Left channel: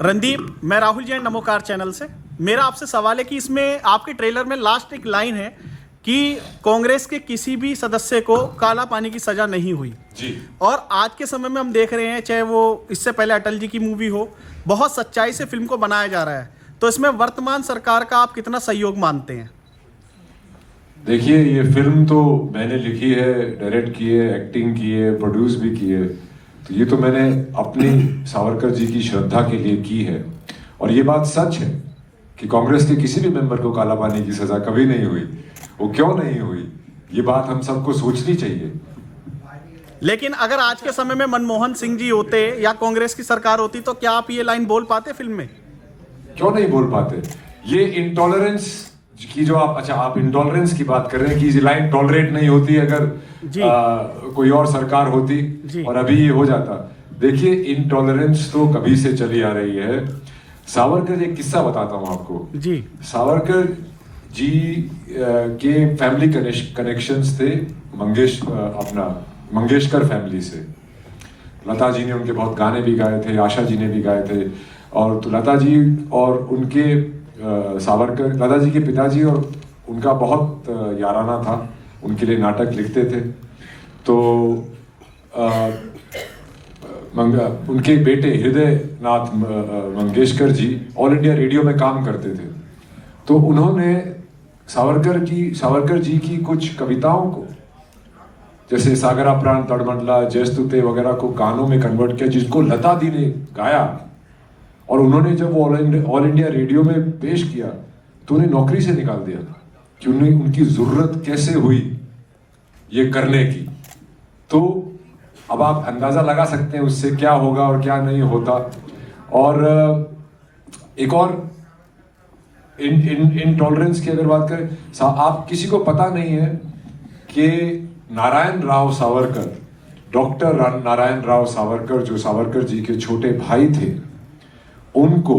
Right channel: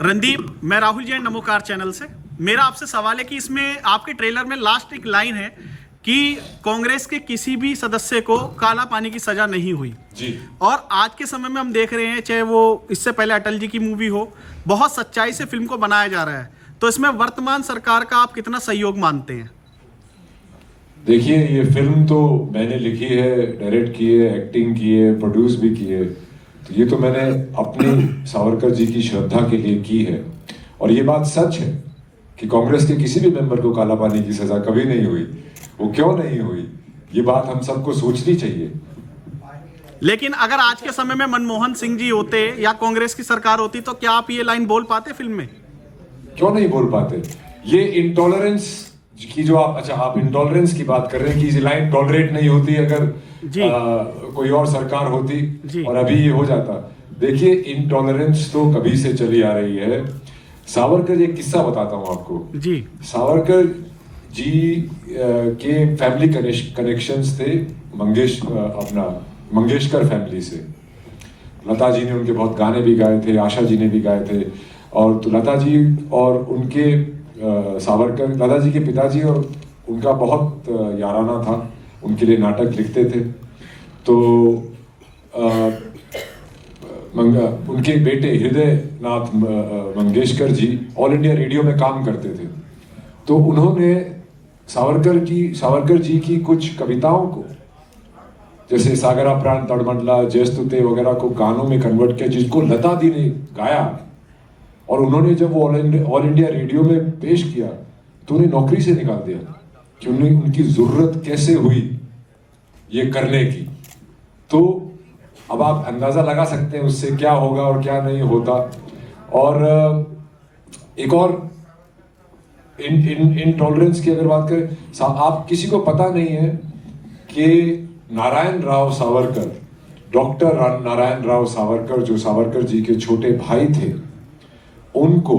रणदीप, मैं राहुल जैन नमोकार चैनल से। मेरा आपसे सवाल है कि इसमें आपके ट्रेलर में लास्ट एक लाइन है कि कांग्रेस के किसी भी सदस्य को काला पानी की सजा नहीं हुई जी। और आज के समय में हम देख रहे हैं, चाहे वो इससे पहले अटल जी की मूवी हो, बहुत सच्चाई से फिल्म को बनाया जा रहा है। तो इसमें वर्तमान सरकार का आप कितना सहयोग मानते हैं? देखिए, ये फिल्म तो मैंने लिखी है, डायरेक्ट की है, एक्टिंग की है, प्रोड्यूस भी की है। तो ये तो मैंने अपनी सावरकर जी की श्रद्धा के लिए की है। और ये बात सच है कि कांग्रेस के किसी भी मेंबर को काला पानी की सजा कभी नहीं हुई। वो क्यों नहीं हुई, ये बात हम सबको सोचनी चाहिए। लेकिन अगर आज के समय में मनमोहन सिंह जी होते या कांग्रेस की सरकार होती तो क्या आप ये लाइन बोल पाते फिल्म में? क्यों नहीं बोल पाते? ये इंटॉलरेंस की जो आप इंटॉलरेंस की बात कर रहे हैं कि ये लाइन टॉलरेट नहीं होती अगर कोई और सरकार होती और अभी ये हो जाता। देखिए, इंटॉलरेंस तो कभी से चली आ रही है। सावरकर, एक किस्सा बताता हूं आपको जी। सावरकर जी के फैमिली कनेक्शंस थे मंगेशकर फैमिली से। लता जी ने उनके बहुत गाने भी गाए थे, आशा जी ने भी गाए थे। और तो लता जी और उनके सावरकर, लता जी के पिताजी और उनका बहुत याराना था, उनके लिए नाटक लिखते थे। तो उनके बेटे हृदय नाथ Mangeshkar ji all India radio में काम करते थे। तो उन्होंने सावरकर जी की कुछ कविताओं को, जैसे सागरा प्राण तड़मंडला, जयस्तुते वगैरह को गानों में कन्वर्ट किया, जिसको लता दी ने गाया। और उन्होंने जब वो ऑल इंडिया रेडियो में पेश किया तो उन्हें नौकरी से निकाल दिया कि उनकी जरूरत कैसे हुई ये करने की। तो अब आप अंदाजा लगा सकते हैं उससे क्या होगा और क्या नहीं होता। और एक और इनटॉलरेंस की अगर बात करें, आप किसी को पता नहीं है कि नारायण राव सावरकर, डॉक्टर नारायण राव सावरकर, जो सावरकर जी के छोटे भाई थे, उनको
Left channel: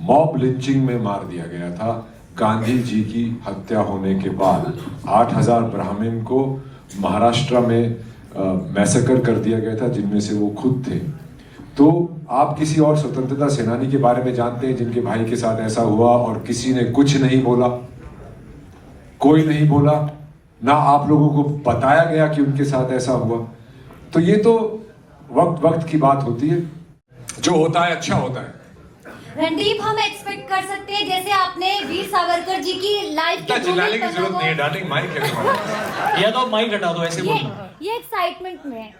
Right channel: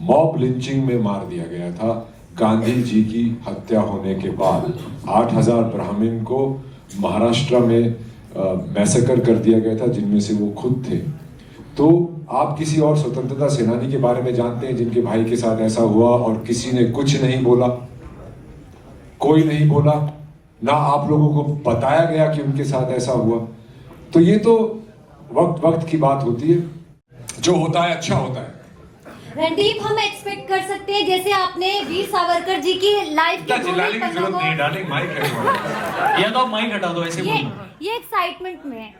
मॉब लिंचिंग में मार दिया गया था गांधी जी की हत्या होने के बाद। 8000 ब्राह्मण को महाराष्ट्र में मैसेकर कर दिया गया था, जिनमें से वो खुद थे। तो आप किसी और स्वतंत्रता सेनानी के बारे में जानते हैं जिनके भाई के साथ ऐसा हुआ और किसी ने कुछ नहीं बोला? कोई नहीं बोला, ना आप लोगों को बताया गया कि उनके साथ ऐसा हुआ। तो ये तो वक्त की बात होती है, जो होता है अच्छा होता है। रणदीप, हम एक्सपेक्ट कर सकते हैं जैसे आपने वीर सावरकर जी की लाइफ के चिल्लाने की जरूरत नहीं है, डार्लिंग, माइक है। या तो माइक हटा दो, ऐसे ये एक्साइटमेंट में है।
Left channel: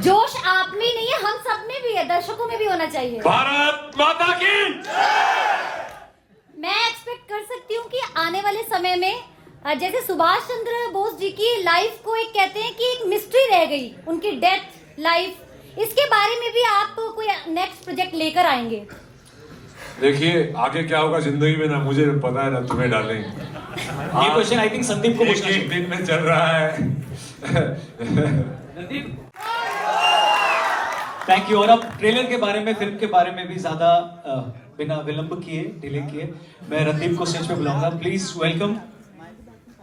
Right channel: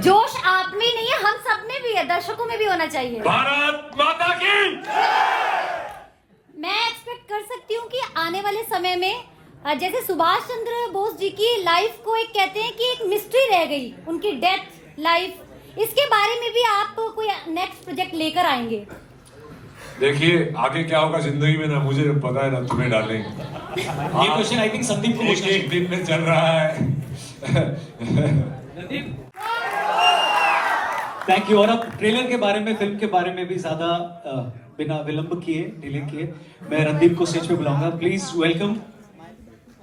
जोश आप में नहीं है, हम सब में भी है, दर्शकों में भी होना चाहिए। भारत माता की। मैं एक्सपेक्ट कर सकती हूँ कि आने वाले समय में जैसे सुभाष चंद्र बोस जी की लाइफ को एक कहते हैं कि एक मिस्ट्री रह गई, उनकी डेथ लाइफ, इसके बारे में भी आप कोई नेक्स्ट प्रोजेक्ट लेकर आएंगे? देखिए, आगे क्या होगा जिंदगी में ना मुझे पता है ना तुम्हें डालेंगे। ये क्वेश्चन आई थिंक संदीप को पूछना एक दिन में चल रहा है। Thank you. और अब ट्रेलर के बारे में, फिल्म के बारे में भी ज्यादा बिना विलंब किए, डिले किए, मैं रणदीप को स्टेज पे बुलाऊंगा। Please welcome,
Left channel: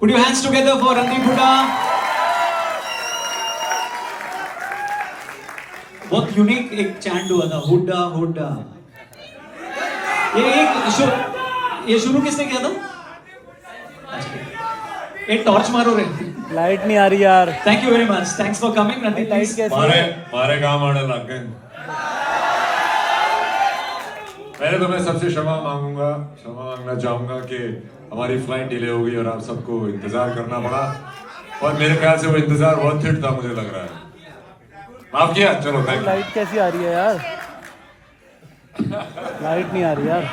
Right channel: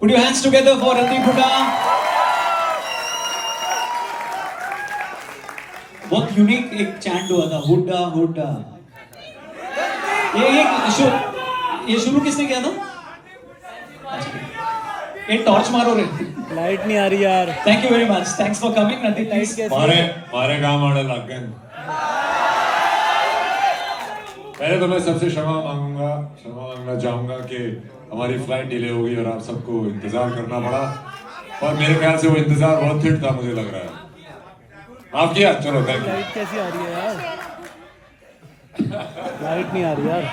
put your hands together for Randeep Hooda. बहुत यूनिक एक चैंट हुआ था, हुड्डा हुड्डा। ये शुरू किसने किया था? ये टॉर्च मारो रे, लाइट नहीं आ रही यार। Thank you very much, thanks for coming Randeep. Light कैसी है? मारे काम आने लग गए। पहले तो मैं सबसे क्षमा मांगना चाहूंगा कि हमारी फ्लाइट डिले हो गई और आप सबको इंतजार करना पड़ा। और मेरे ख्याल से वो इंतजार वर्थ इट था, मुझे लग रहा है। माफ किया, चलो थैंक यू। लाइट कैसी आ रही है यार? लाइट नहीं आ रही यार।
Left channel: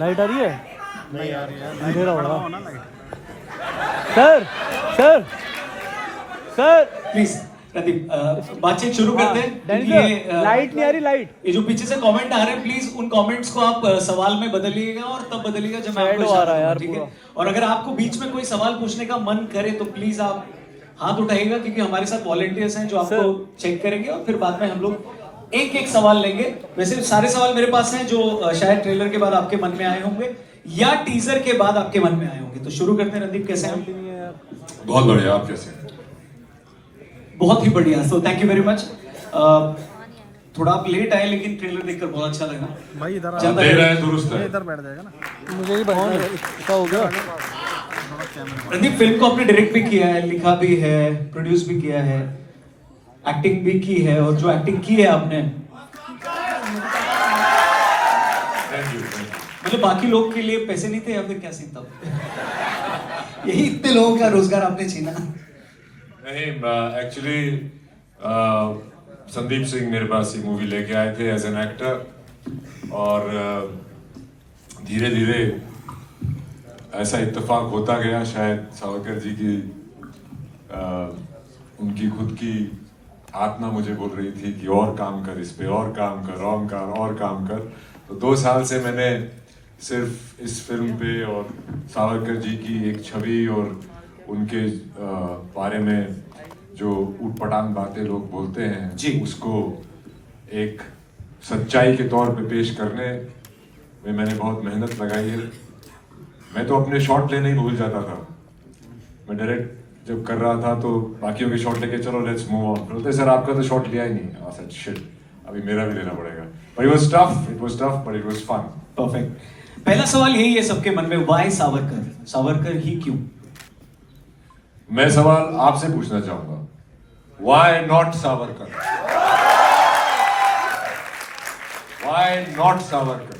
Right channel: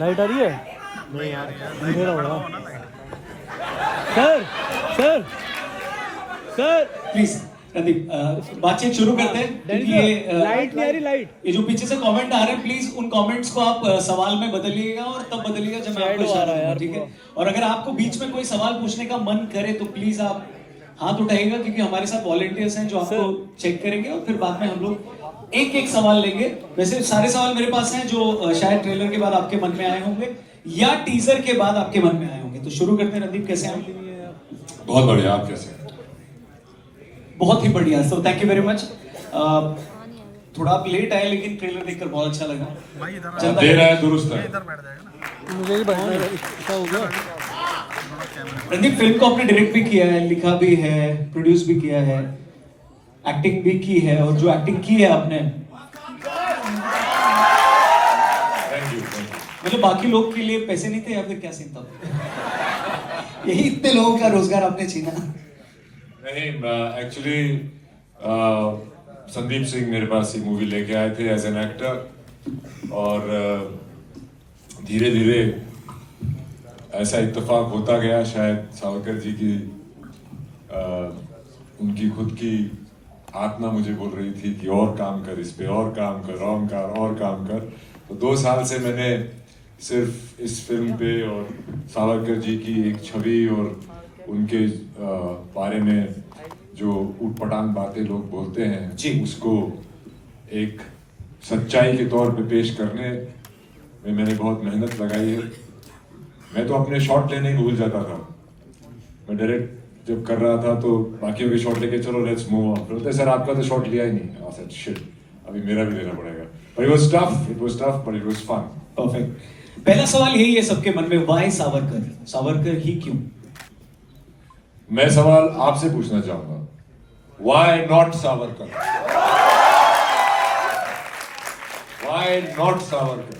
लाइट आ रही है? नहीं आ रही है, अंधेरा हो रहा। Sir sir sir please Randeep, बातचीत शुरू करते हैं। लाइट नहीं आ रही, लाइट। ये जो पीछे से कमेंट आ रहे हैं, प्लीज उन कमेंट्स को आप सवाल में बदलिएगा और तब बदलिएगा जब मैं आपको आ रहा है यार, ठीक है? और अगर आपको बीच में कोई सवाल पूछने का मन करे तो प्लीज आप हाथ उठाइएगा, क्योंकि हमारे साथ वॉलंटियर्स हैं जो आपको चेक करेंगे और फिर बाद में हम लोग एक एक सवाल लेंगे। वैसे सारे सवाल मेरे पास हैं जो शायद ट्रेलर के बाद आपके मन में आए होंगे या टीजर के बाद आपके मन में आए होंगे। तो शुरू करते हैं। रणदीप, कैसे हैं? बहुत बढ़िया, आप कैसे? बहुत ही बढ़िया, so thank you very much. थोड़ा आप लेट आए लेकिन ट्रेलर देखकर बहुत अच्छा लगा। भाई इधर चलता दे रहा है दुरुस्त है। इधर बैठ जाएगा ना। मुझे ही बैठना है, क्या हो गया? रणदीप, फिल्म को आपने डायरेक्ट भी किया है, लिखा भी है, प्रोड्यूस भी किया है, एक्टिंग भी की है, और जो एक्टिंग की है आपने, थैंक यू। मतलब बाकी लोग के लिए पैसे नहीं थे या फिर क्या सीन था? यही इतने लोगों का रोजगार आपने छीना। नहीं, एक्चुअली संदीप सिंह मेरे पास ये मूवी लेके आए थे एज एन एक्टर, और धीरे धीरे ऐसा इत्तेफाक होता गया। शायद सावरकर जी की उनकी खुद की आत्मा मुझे बोल रही थी कि और काम कर, इस पे और काम कर, और काम कर। तो 2 साल से मैंने सिर्फ इस फिल्म पे और सावरकर जी की एक छवि और उनके बारे में जो उटपटांग बातें लोग बोलते हैं जी, उसको एक सच्चाई के तौर पे पेश करने में मैंने बहुत मेहनत लगाई है। मैं तो अपने शॉट लेने ही भूल जाता था। मैं डायरेक्ट जब कर रहा था तो बाकियों के शॉट लेके चलो लेट्स मूव ऑन, बोलते सर आपका तो शॉट लिया ही नहीं। आई सेड शिट, अभी मेरा भी लेना पड़ेगा। But it was tough but it was fun. Perfect. पहला सवाल यही है सबके मन में, व्हाई सावरकर? सावरकर ही क्यों? मैं सवाल आपसे पूछना चाहूंगा, why not Savarkar? Why not Savarkar?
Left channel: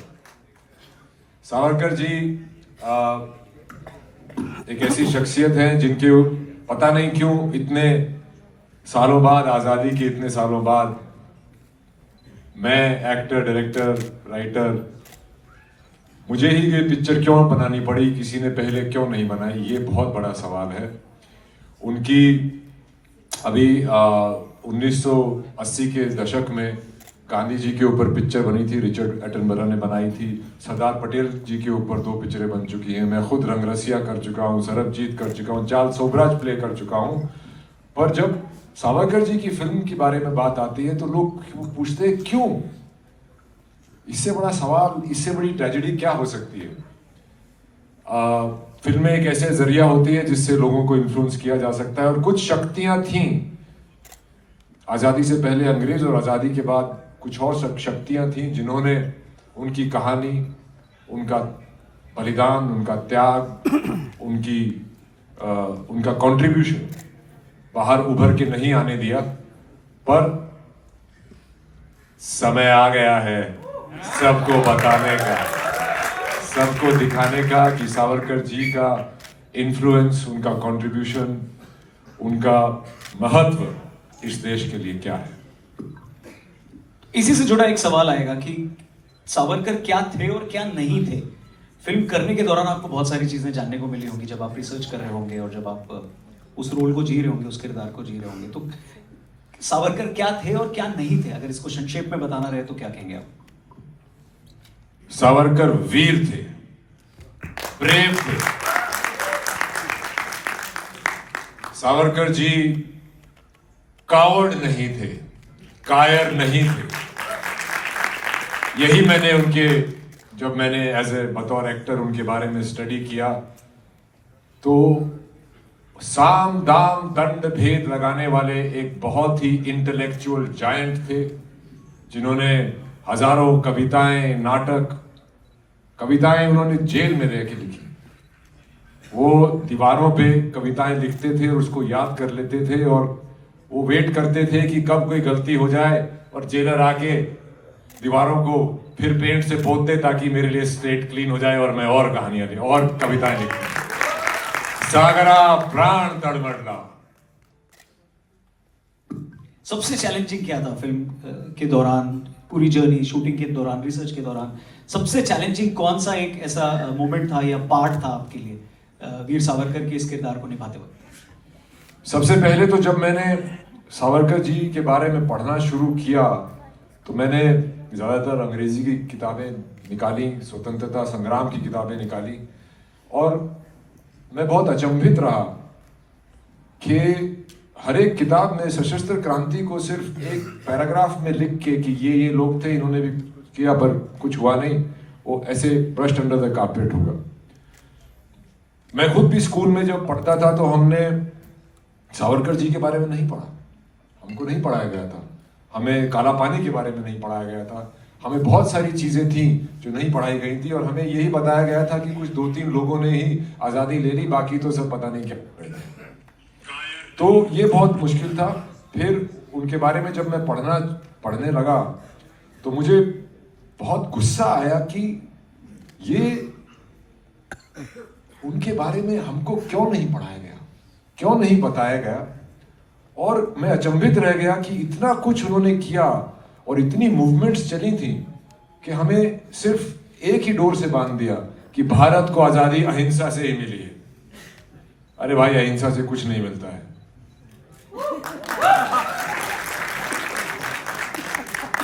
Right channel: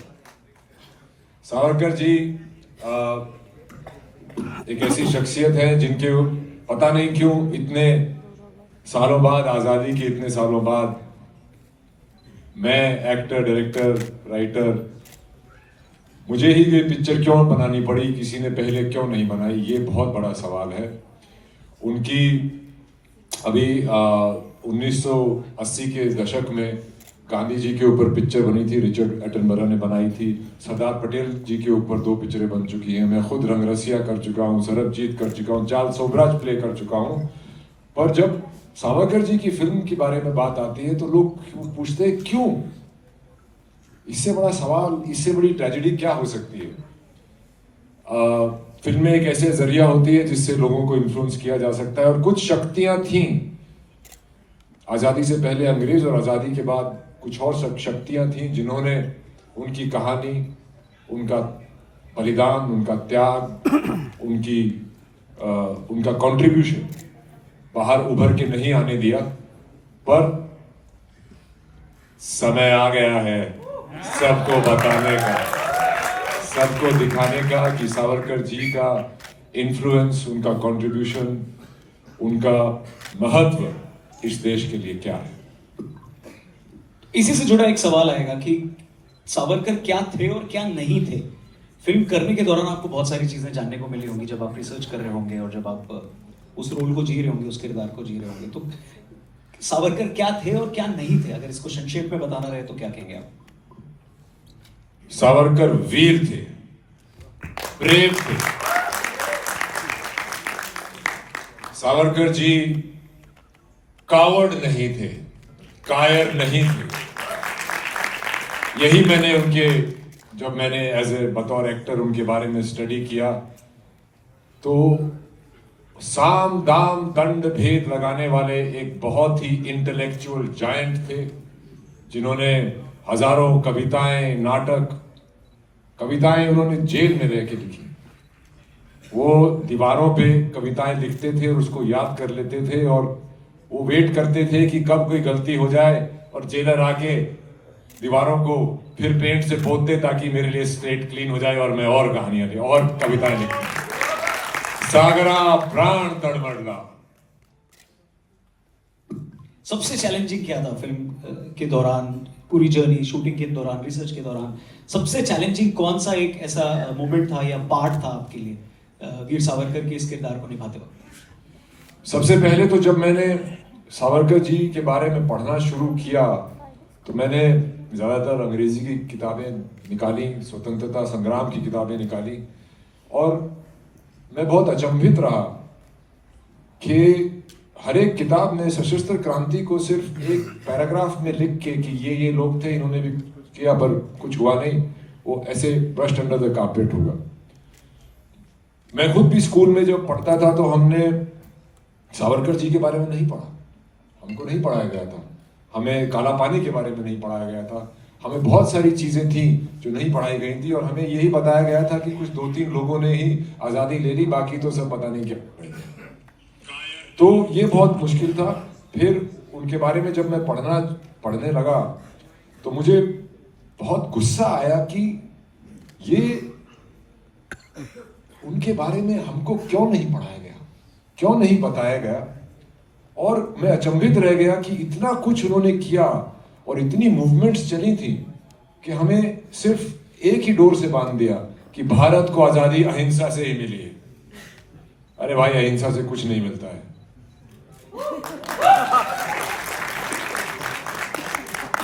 Savarkar ji एक ऐसी शख्सियत है जिनके पता नहीं क्यों इतने सालों बाद, आजादी के इतने सालों बाद, मैं एक्टर, डायरेक्टर, राइटर, मुझे ही ये पिक्चर क्यों बनानी पड़ी, किसी ने पहले क्यों नहीं बनाई, ये बहुत बड़ा सवाल है। उनकी अभी 1980 के दशक में गांधी जी के ऊपर पिक्चर बनी थी, रिचर्ड एटनबरो ने बनाई थी। सरदार पटेल जी के ऊपर 2 पिक्चरें बन चुकी हैं। मैं खुद रंगरसिया कर चुका हूँ, सरबजीत कर चुका हूँ, चार्ल्स सोबराज प्ले कर चुका हूँ। पर जब सावरकर जी की फिल्म के बारे में बात आती है तो लोग पूछते हैं क्यों? इससे बड़ा सवाल, इससे बड़ी ट्रेजेडी क्या हो सकती है? फिल्में एक ऐसे जरिया होती है जिससे लोगों को इन्फ्लुएंस किया जा सकता है, और कुछ शक्तियां थीं आजादी से पहले अंग्रेज और आजादी के बाद कुछ और शक्तियां थीं जिन्होंने उनकी कहानी, उनका बलिदान, उनका त्याग, उनका कंट्रीब्यूशन बाहर उभर के नहीं आने दिया। पर समय आ गया है सबको बताने का, सबको दिखाने का कि सावरकर जी का इन्फ्लुएंस, उनका कंट्रीब्यूशन, उनका महत्व इस देश के लिए क्या है। इसी से जुड़ा एक सवाल आएगा कि सावरकर क्या थे और क्या नहीं थे। फिल्म करने के दौरान आपको बहुत सारी चीजें जानने को मिली होंगी, जब आप रिसर्च कर रहे होंगे और जब आप उस रोल को जी रहे होंगे, उस किरदार को जी रहे होंगे। तो सावरकर क्या थे और क्या नहीं थे, अगर इसको संक्षेप में बताना रहे तो क्या कहेंगे आप? सावरकर वीर थे, ब्रेव थे। सावरकर जी कावर्ड नहीं थे, कायर नहीं थे। यही मैंने उनके, जब मैंने एज ए बतौर एक्टर उनके बारे में स्टडी किया तो साम दाम दंड भेद लगाने वाले एक बहुत ही इंटेलेक्चुअल जायंट थे, जिन्होंने हजारों कविताएं, नाटक, कविताएं उन्होंने जेल में रह के लिखी। वो दीवारों पे कविताएं लिखते थे और उसको याद कर लेते थे, और वो वेट करते थे कि कब कोई गलती हो जाए और जेलर आके दीवारों को फिर पेंट से पोत दे ताकि मेरे लिए स्लेट क्लीन हो जाए और मैं और कहानियां लिख और कविताएं लिखूं। सागरा प्राण तड़मड़ला। सबसे चैलेंजिंग क्या था फिल्म के दौरान, पूरी जर्नी, शूटिंग के दौरान, रिसर्च के दौरान? सबसे चैलेंजिंग कौन सा एक ऐसा मोमेंट था या पार्ट था आपके लिए वीर सावरकर के इस किरदार को निभाते वक्त? सबसे पहले तो जब मैंने सावरकर जी के बारे में पढ़ना शुरू किया तो मैंने ज़्यादातर अंग्रेजी की किताबें निकाली, स्वतंत्रता संग्राम की किताबें निकाली, और मैं बहुत अचंभित रहा कि हर एक किताब में सशस्त्र क्रांति को सिर्फ एक पैराग्राफ में लिख के कि ये लोग थे, इन्होंने भी किया, पर कुछ हुआ नहीं, वो ऐसे ब्रश्ड अंडर द कारपेट होगा। मैं खुद भी स्कूल में जब पढ़ता था तो हमने सावरकर जी के बारे में नहीं पढ़ा, हमको नहीं पढ़ाया गया था। हमें काला पानी के बारे में नहीं पढ़ाया गया था, हमें बहुत सारी चीजें थी जो नहीं पढ़ाई गई थी, और हमें यही बताया गया था कि कुछ 2-3 लोगों ने ही आज़ादी ले ली, बाकी तो सब पता नहीं क्या। तो ये बहुत मुश्किल था। फिर उनके बारे में जब मैं पढ़ने लगा तो मुझे बहुत गुस्सा आया कि ये उनके बारे में हमको क्यों नहीं पढ़ाया गया, क्यों नहीं बताया गया। और मैं अचंभित रह गया कि इतना कुछ उन्होंने किया और इतनी मूवमेंट्स चली थी कि हमें सिर्फ एक ही डोर से बांध दिया कि भारत को आजादी अहिंसा से ही मिली है। अरे भाई, अहिंसा से कुछ नहीं मिलता है।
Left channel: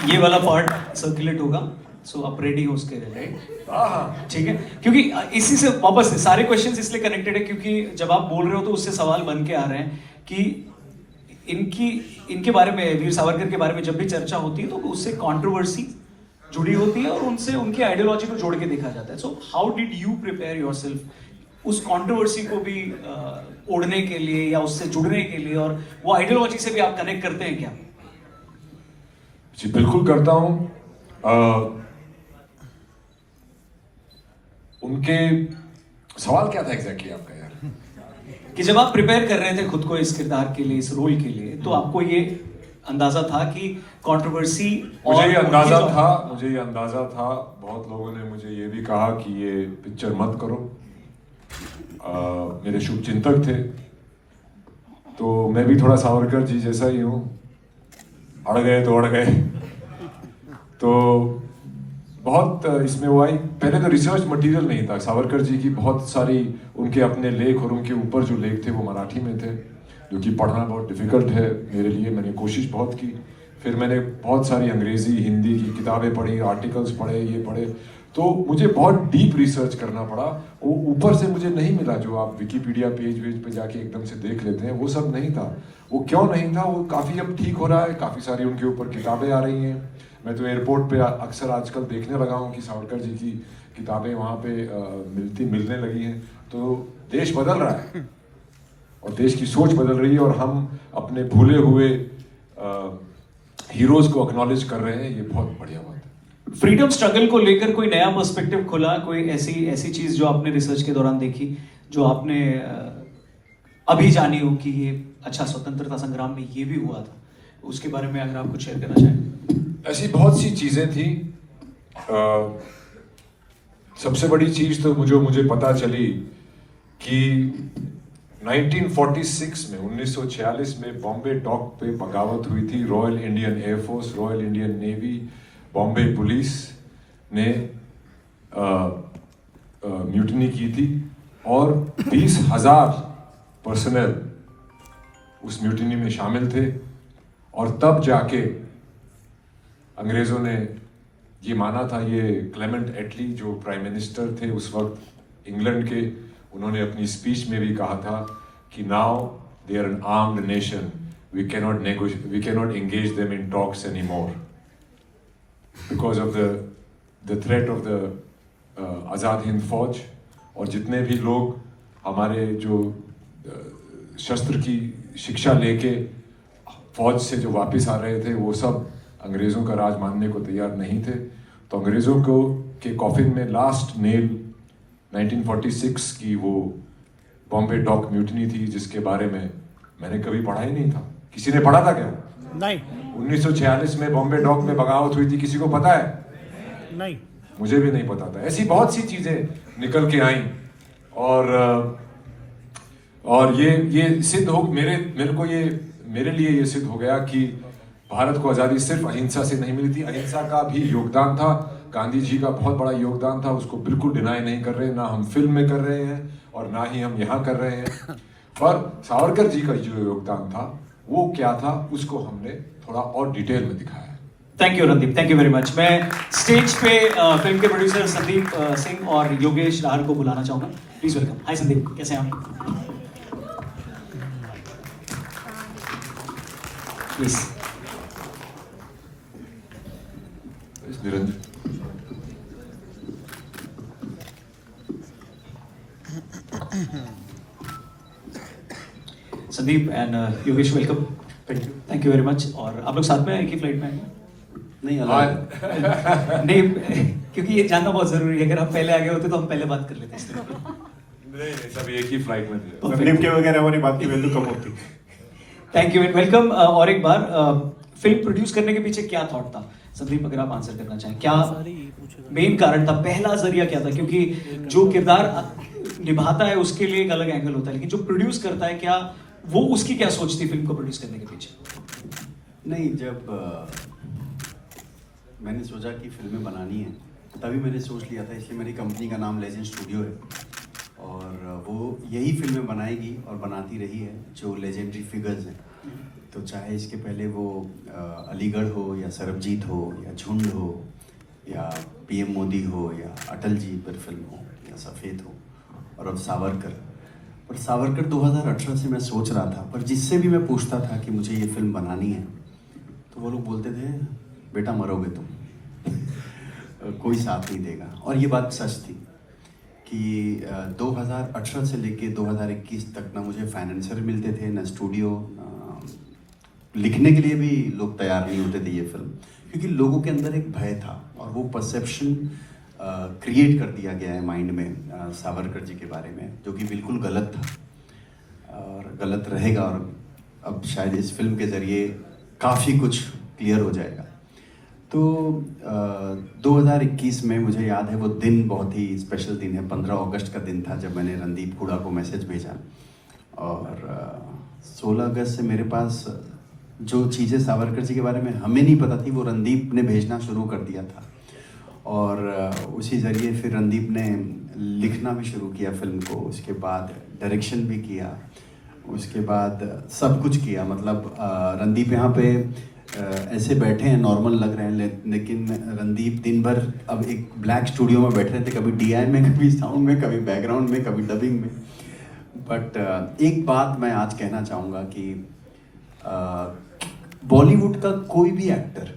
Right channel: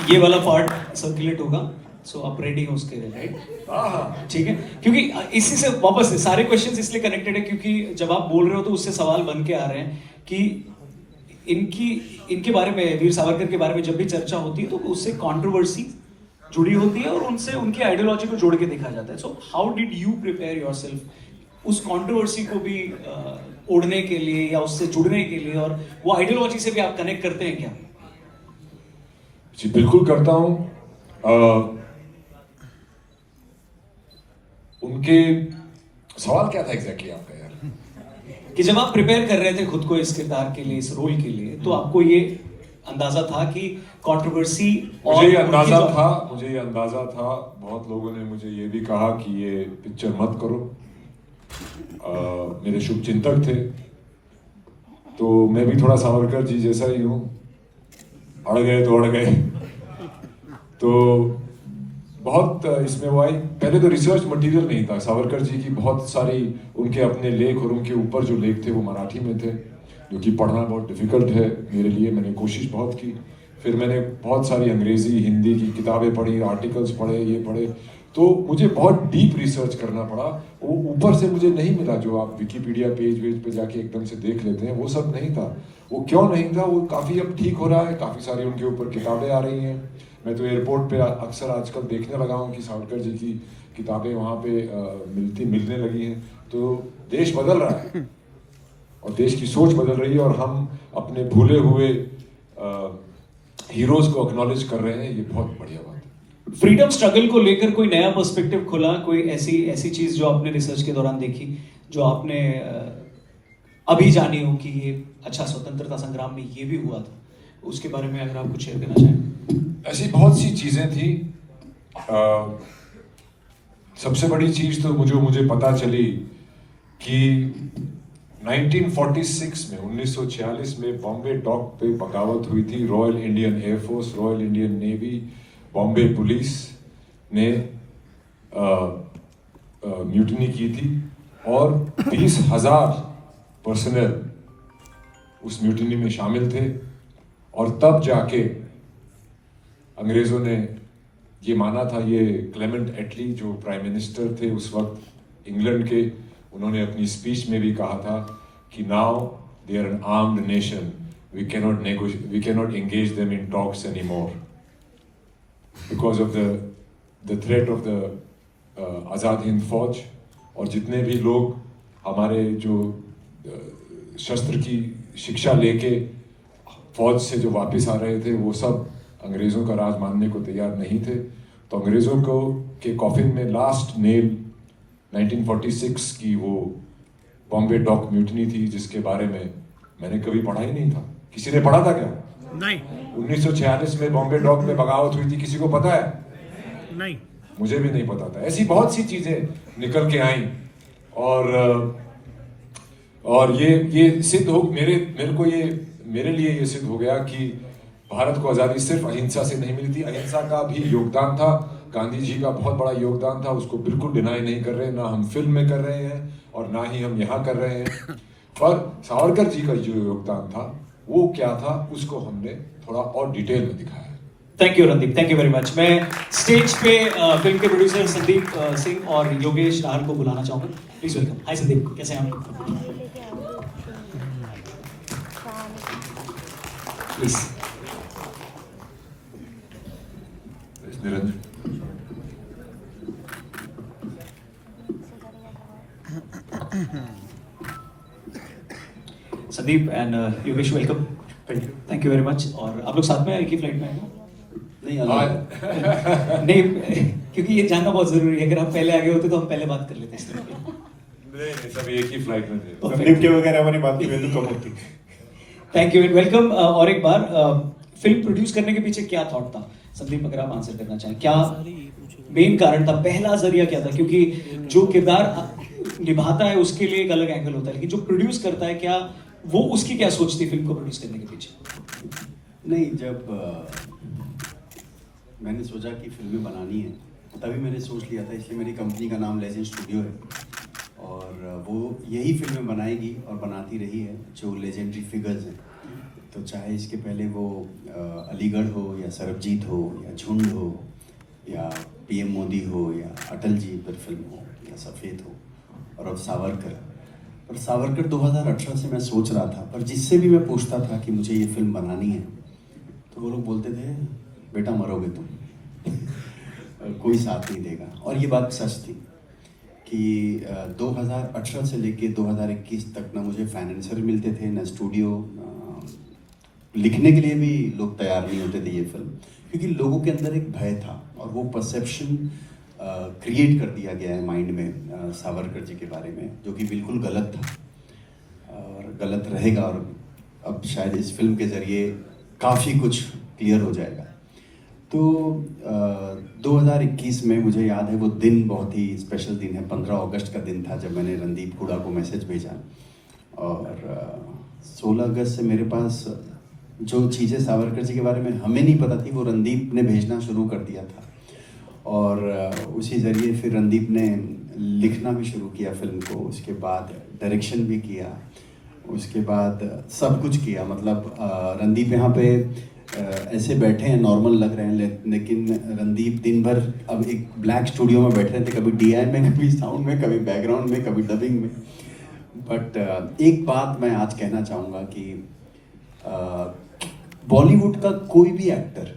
ये वाला पार्ट सर्कुलेट होगा, सो आप रेडी हो उसके लिए, राइट? ठीक है, क्योंकि इसी से वापस सारे क्वेश्चंस इसलिए कनेक्टेड है क्योंकि जब आप बोल रहे हो तो उससे सवाल बन के आ रहे हैं कि इनके बारे में, वीर सावरकर के बारे में जब भी चर्चा होती है तो उससे कंट्रोवर्सी जुड़ी होती है और उनसे उनकी आइडियोलॉजी को जोड़ के देखा जाता है। So how did you prepare yourself उस कंट्रोवर्सी को भी ओढ़ने के लिए या उससे जुड़ने के लिए, और वो आइडियोलॉजी से भी आप कनेक्ट करते हैं क्या? जी बिल्कुल करता हूं। उनके सवाल क्या था एग्जैक्टली आपका यार? कि जब आप प्रिपेयर कर रहे थे खुद को इस किरदार के लिए, इस रोल के लिए, तो आपको ये अंदाजा था कि कंट्रोवर्सी? मुझे ये अंदाजा था। बहुत लोगों ने मुझे ये भी कहा कि ये पिक्चर मत करो। मेरे शुभ चिंतक थे, तो मैं भी थोड़ा सावरकर जी जैसा ही हूँ, अड़ गए तो अड़ गए। तो बहुत इसमें वो आई। पहले तो रिसर्च मटेरियल नहीं था। सावरकर जी की बहुत सारी उनके अपने लेख और उनके ऊपर जो लेख थे वो मराठी में थे, जो कि पढ़ना बहुत डिफिकल्ट है मेरे लिए। मैंने कोशिश बहुत की। फिर मैंने बहुत सारी अंग्रेज़ी हिंदी की किताबें पढ़ी, आर्टिकल्स पढ़े, ये पढ़े। तो मुझे बहुत डीप रिसर्च करना पड़ा। वो ऊपर से मुझे नहीं मिला जो आप विकिपीडिया पेज पे जाके एकदम से देख लेते हैं, वो सब नहीं था। वो क्यों नहीं था? वो काफ़ी अब ठीक हो रहा है, काफ़ी सारी उनके ऊपर किताबें आ रही हैं। मैं तो एयरपोर्ट पे अक्सर आजकल देखने लगा हूँ कि सावरकर जी की किताबें वहाँ पे मिलने लगी हैं। तो देश बदल रहा है और देश की सोच बदल रही है, और हम अपने भूले हुए हीरोज को एक्नॉलेज कर रहे हैं। ये बहुत बढ़िया बात है। फ्रीडम स्ट्रगल को लेकर कोई नया पर्सपेक्टिव खुला, कोई ऐसी चीज जो आपने रिसर्च के दौरान देखी, जो आपने अभी जानी हो कि ये अच्छा स्वतंत्रता संग्राम में ये भी हुआ था, उसके बारे में अगर आप कुछ शेयर करना चाहें? ऐसी बहुत सी चीजें थी। सबसे बड़ी चीज तो मुझे पता चली कि 1946 में 1946 में बॉम्बे डॉक पे बगावत हुई थी। Royal Indian air force, royal Indian navy, Bombay police ने म्यूटिनी की थी, और 20,000 पर्सनल उस म्यूटिनी में शामिल थे। और तब जाके अंग्रेजों ने ये माना था, ये क्लेमेंट एटली जो प्राइम मिनिस्टर थे उस वक्त इंग्लैंड के, उन्होंने अपनी स्पीच में भी कहा था कि now they are an armed nation, we cannot engage them in talks any more because of the threat of the Azad Hind Fauj. और जितने भी लोग हमारे जो शस्त्र की शिक्षा लेके फौज से जो वापस आ रहे थे, वो सब अंग्रेज़ों का राज मानने को तैयार नहीं थे। तो अंग्रेज़ों को के कॉफिन में लास्ट नेल 1946 की वो बॉम्बे डॉक म्यूटिनी थी, जिसके बारे में मैंने कभी पढ़ा ही नहीं था। किसी ने पढ़ा था क्या? नहीं। 1946 में बॉम्बे डॉक में बगावत हुई थी, किसी को पता है? नहीं, मुझे भी नहीं पता था। ऐसी बहुत सी चीजें निकल के आई, और ये सिद्ध हो मेरे लिए ये सिद्ध हो गया कि भारत को आज़ादी सिर्फ अहिंसा से नहीं मिली थी। अहिंसा का भी योगदान था, गांधी जी का बहुत बड़ा योगदान था, उसको बिल्कुल डिनाई नहीं कर रहे, ना हम फिल्म में कर रहे हैं और ना ही हम यहाँ कर रहे हैं। पर सावरकर जी का जो योगदान था वो क्या था, उसको हमने थोड़ा और डिटेल में दिखाया है। Thank you Randeep, thank you very much. मैं स्टेज पे फिल्म के प्रोड्यूसर संदीप सिंह और योगेश राहल को बुलाना चाहूंगा। Please welcome. हाय संदीप, कैसे हैं आप? Please. Niranjan, Sandeep and Yogesh, welcome. Thank you very much. और आप लोग साथ में एक ही फ्लाइट में आए हैं? नहीं अलग नहीं, क्योंकि ये जानना बहुत जरूरी है। अगर हम पहले आगे होते तो हम पहले बात कर लेते इसलिए। नहीं सब एक ही फ्लाइट में थे। संदीप के वगैरह वो नहीं बात की वैल्यू कम होती। Thank you, welcome. और एक बार फिल्म प्रोड्यूस करने के पीछे क्या थॉट था? संदीप अगर आप आंसर करना चाहें, क्या मेन कारण था, पहला जरिया क्या था? क्योंकि जो किरदार निभाता है उसके लिए एक अलग एंगल होता है, लेकिन जो प्रोड्यूस करता है, क्या वो उसकी क्या सोच थी फिल्म को प्रोड्यूस करने के पीछे? नहीं, जब मैंने सोचा कि फिल्में बनानी है तभी मैंने सोच लिया था, इसलिए मेरी कंपनी का नाम लेजेंड स्टूडियो है और वो यही फिल्में बनाएगी और बनाती रही है जो लेजेंडरी फिगर्स हैं। तो चाहे इसके पहले वो अलीगढ़ हो या सरबजीत हो या झुंड हो या पीएम मोदी हो या अटल जी पर फिल्म हो या सफ़ेद हो और अब सावरकर। और सावरकर 2018 से मैं सोच रहा था, पर जिससे भी मैं पूछता था कि मुझे ये फिल्म बनानी है तो वो लोग बोलते थे बेटा मरोगे तुम कोई साथ नहीं देगा। और ये बात सच थी कि 2018 से लेके 2021 तक ना मुझे फाइनेंसर मिलते थे, ना स्टूडियो, लिखने के लिए भी लोग तैयार नहीं होते थे ये फिल्म, क्योंकि लोगों के अंदर एक भय था और वो परसेप्शन क्रिएट कर दिया गया है माइंड में सावरकर जी के बारे में, जो कि बिल्कुल गलत था और गलत रहेगा। और अब शायद इस फिल्म के ज़रिए काफ़ी कुछ क्लियर हो जाएगा। तो 2021 में मुझे याद है वो दिन बहुत ही स्पेशल दिन है, 15 अगस्त का दिन था जब मैंने रणदीप हुडा को मैसेज भेजा। और 16 अगस्त से मेरे पास जो चीज़ें सावरकर जी के बारे में हमें नहीं पता थी वो रणदीप ने भेजना शुरू कर दिया था। और उसी ज़रिए फिर रणदीप ने लिखना भी शुरू किया फिल्म को, उसके बाद डायरेक्शन भी किया, उसके बाद सब कुछ किया। मतलब रणदीप यहाँ पे ऐसे बैठे हैं, नॉर्मल लग रहे हैं, लेकिन रणदीप दिन भर अब एक ब्लैक स्टूडियो में बैठे थे, कभी DI में, कभी साउंड में, कभी बैकग्राउंड में, कभी डबिंग में। बट एक बात मैं आज कहना चाहूँगा कि बॉलीवुड का कोई भी एक्टर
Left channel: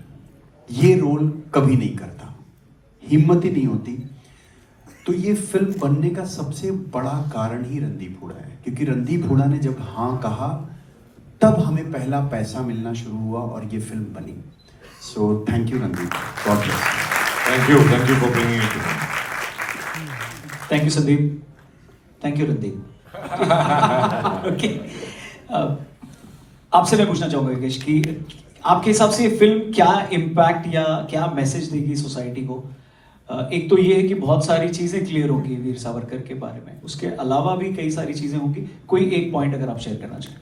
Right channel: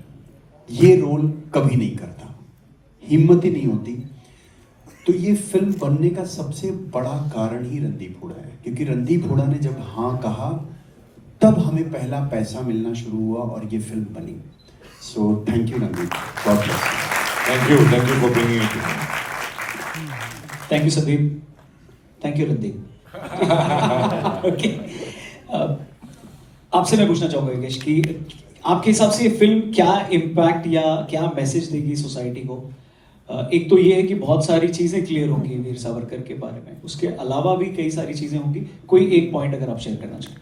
ये रोल कभी नहीं करता, हिम्मत ही नहीं होती। तो ये फिल्म बनने का सबसे बड़ा कारण ही रणदीप हुडा है, क्योंकि रणदीप हुडा ने जब हाँ कहा तब हमें पहला पैसा मिलना शुरू हुआ और ये फिल्म बनी। So thank you Randeep, God bless. Thank you for bringing it. Thank you Sandeep, thank you Randeep. Okay, आपसे मैं पूछना चाहूंगा योगेश कि आपके हिसाब से ये फिल्म क्या इम्पैक्ट या क्या मैसेज देगी सोसाइटी को? एक तो ये है कि बहुत सारी चीजें क्लियर होंगी वीर सावरकर के बारे में, उसके अलावा भी कई सारी चीजें होंगी। कोई एक पॉइंट अगर आप शेयर करना चाहें।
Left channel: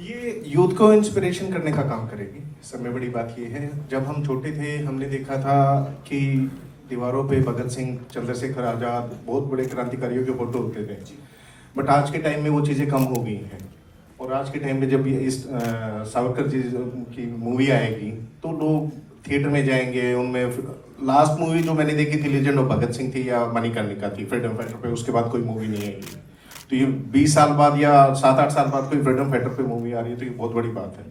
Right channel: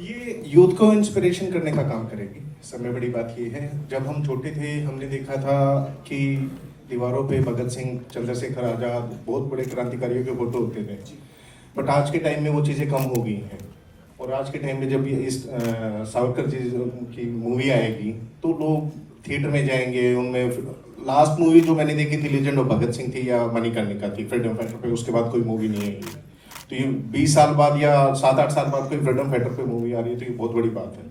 ये यूथ को इंस्पिरेशन करने का काम करेगी। सबसे बड़ी बात ये है, जब हम छोटे थे हमने देखा था कि दीवारों पे भगत सिंह, चंद्रशेखर आज़ाद, बहुत बड़े क्रांतिकारियों के फोटो होते थे। बट आज के टाइम में वो चीज़ें कम हो गई हैं और आज के टाइम में जब ये इस सावरकर जी की मूवी आएगी तो लोग थिएटर में जाएंगे। उनमें लास्ट मूवी जो मैंने देखी थी लेजेंड ऑफ भगत सिंह थी या मणिकर्णिका थी फ्रीडम फाइटर पे, उसके बाद कोई मूवी नहीं आएगी। तो ये 20 साल बाद या 7-8 साल बाद कोई फ्रीडम फाइटर पे मूवी आ रही है तो ये बहुत बड़ी बात है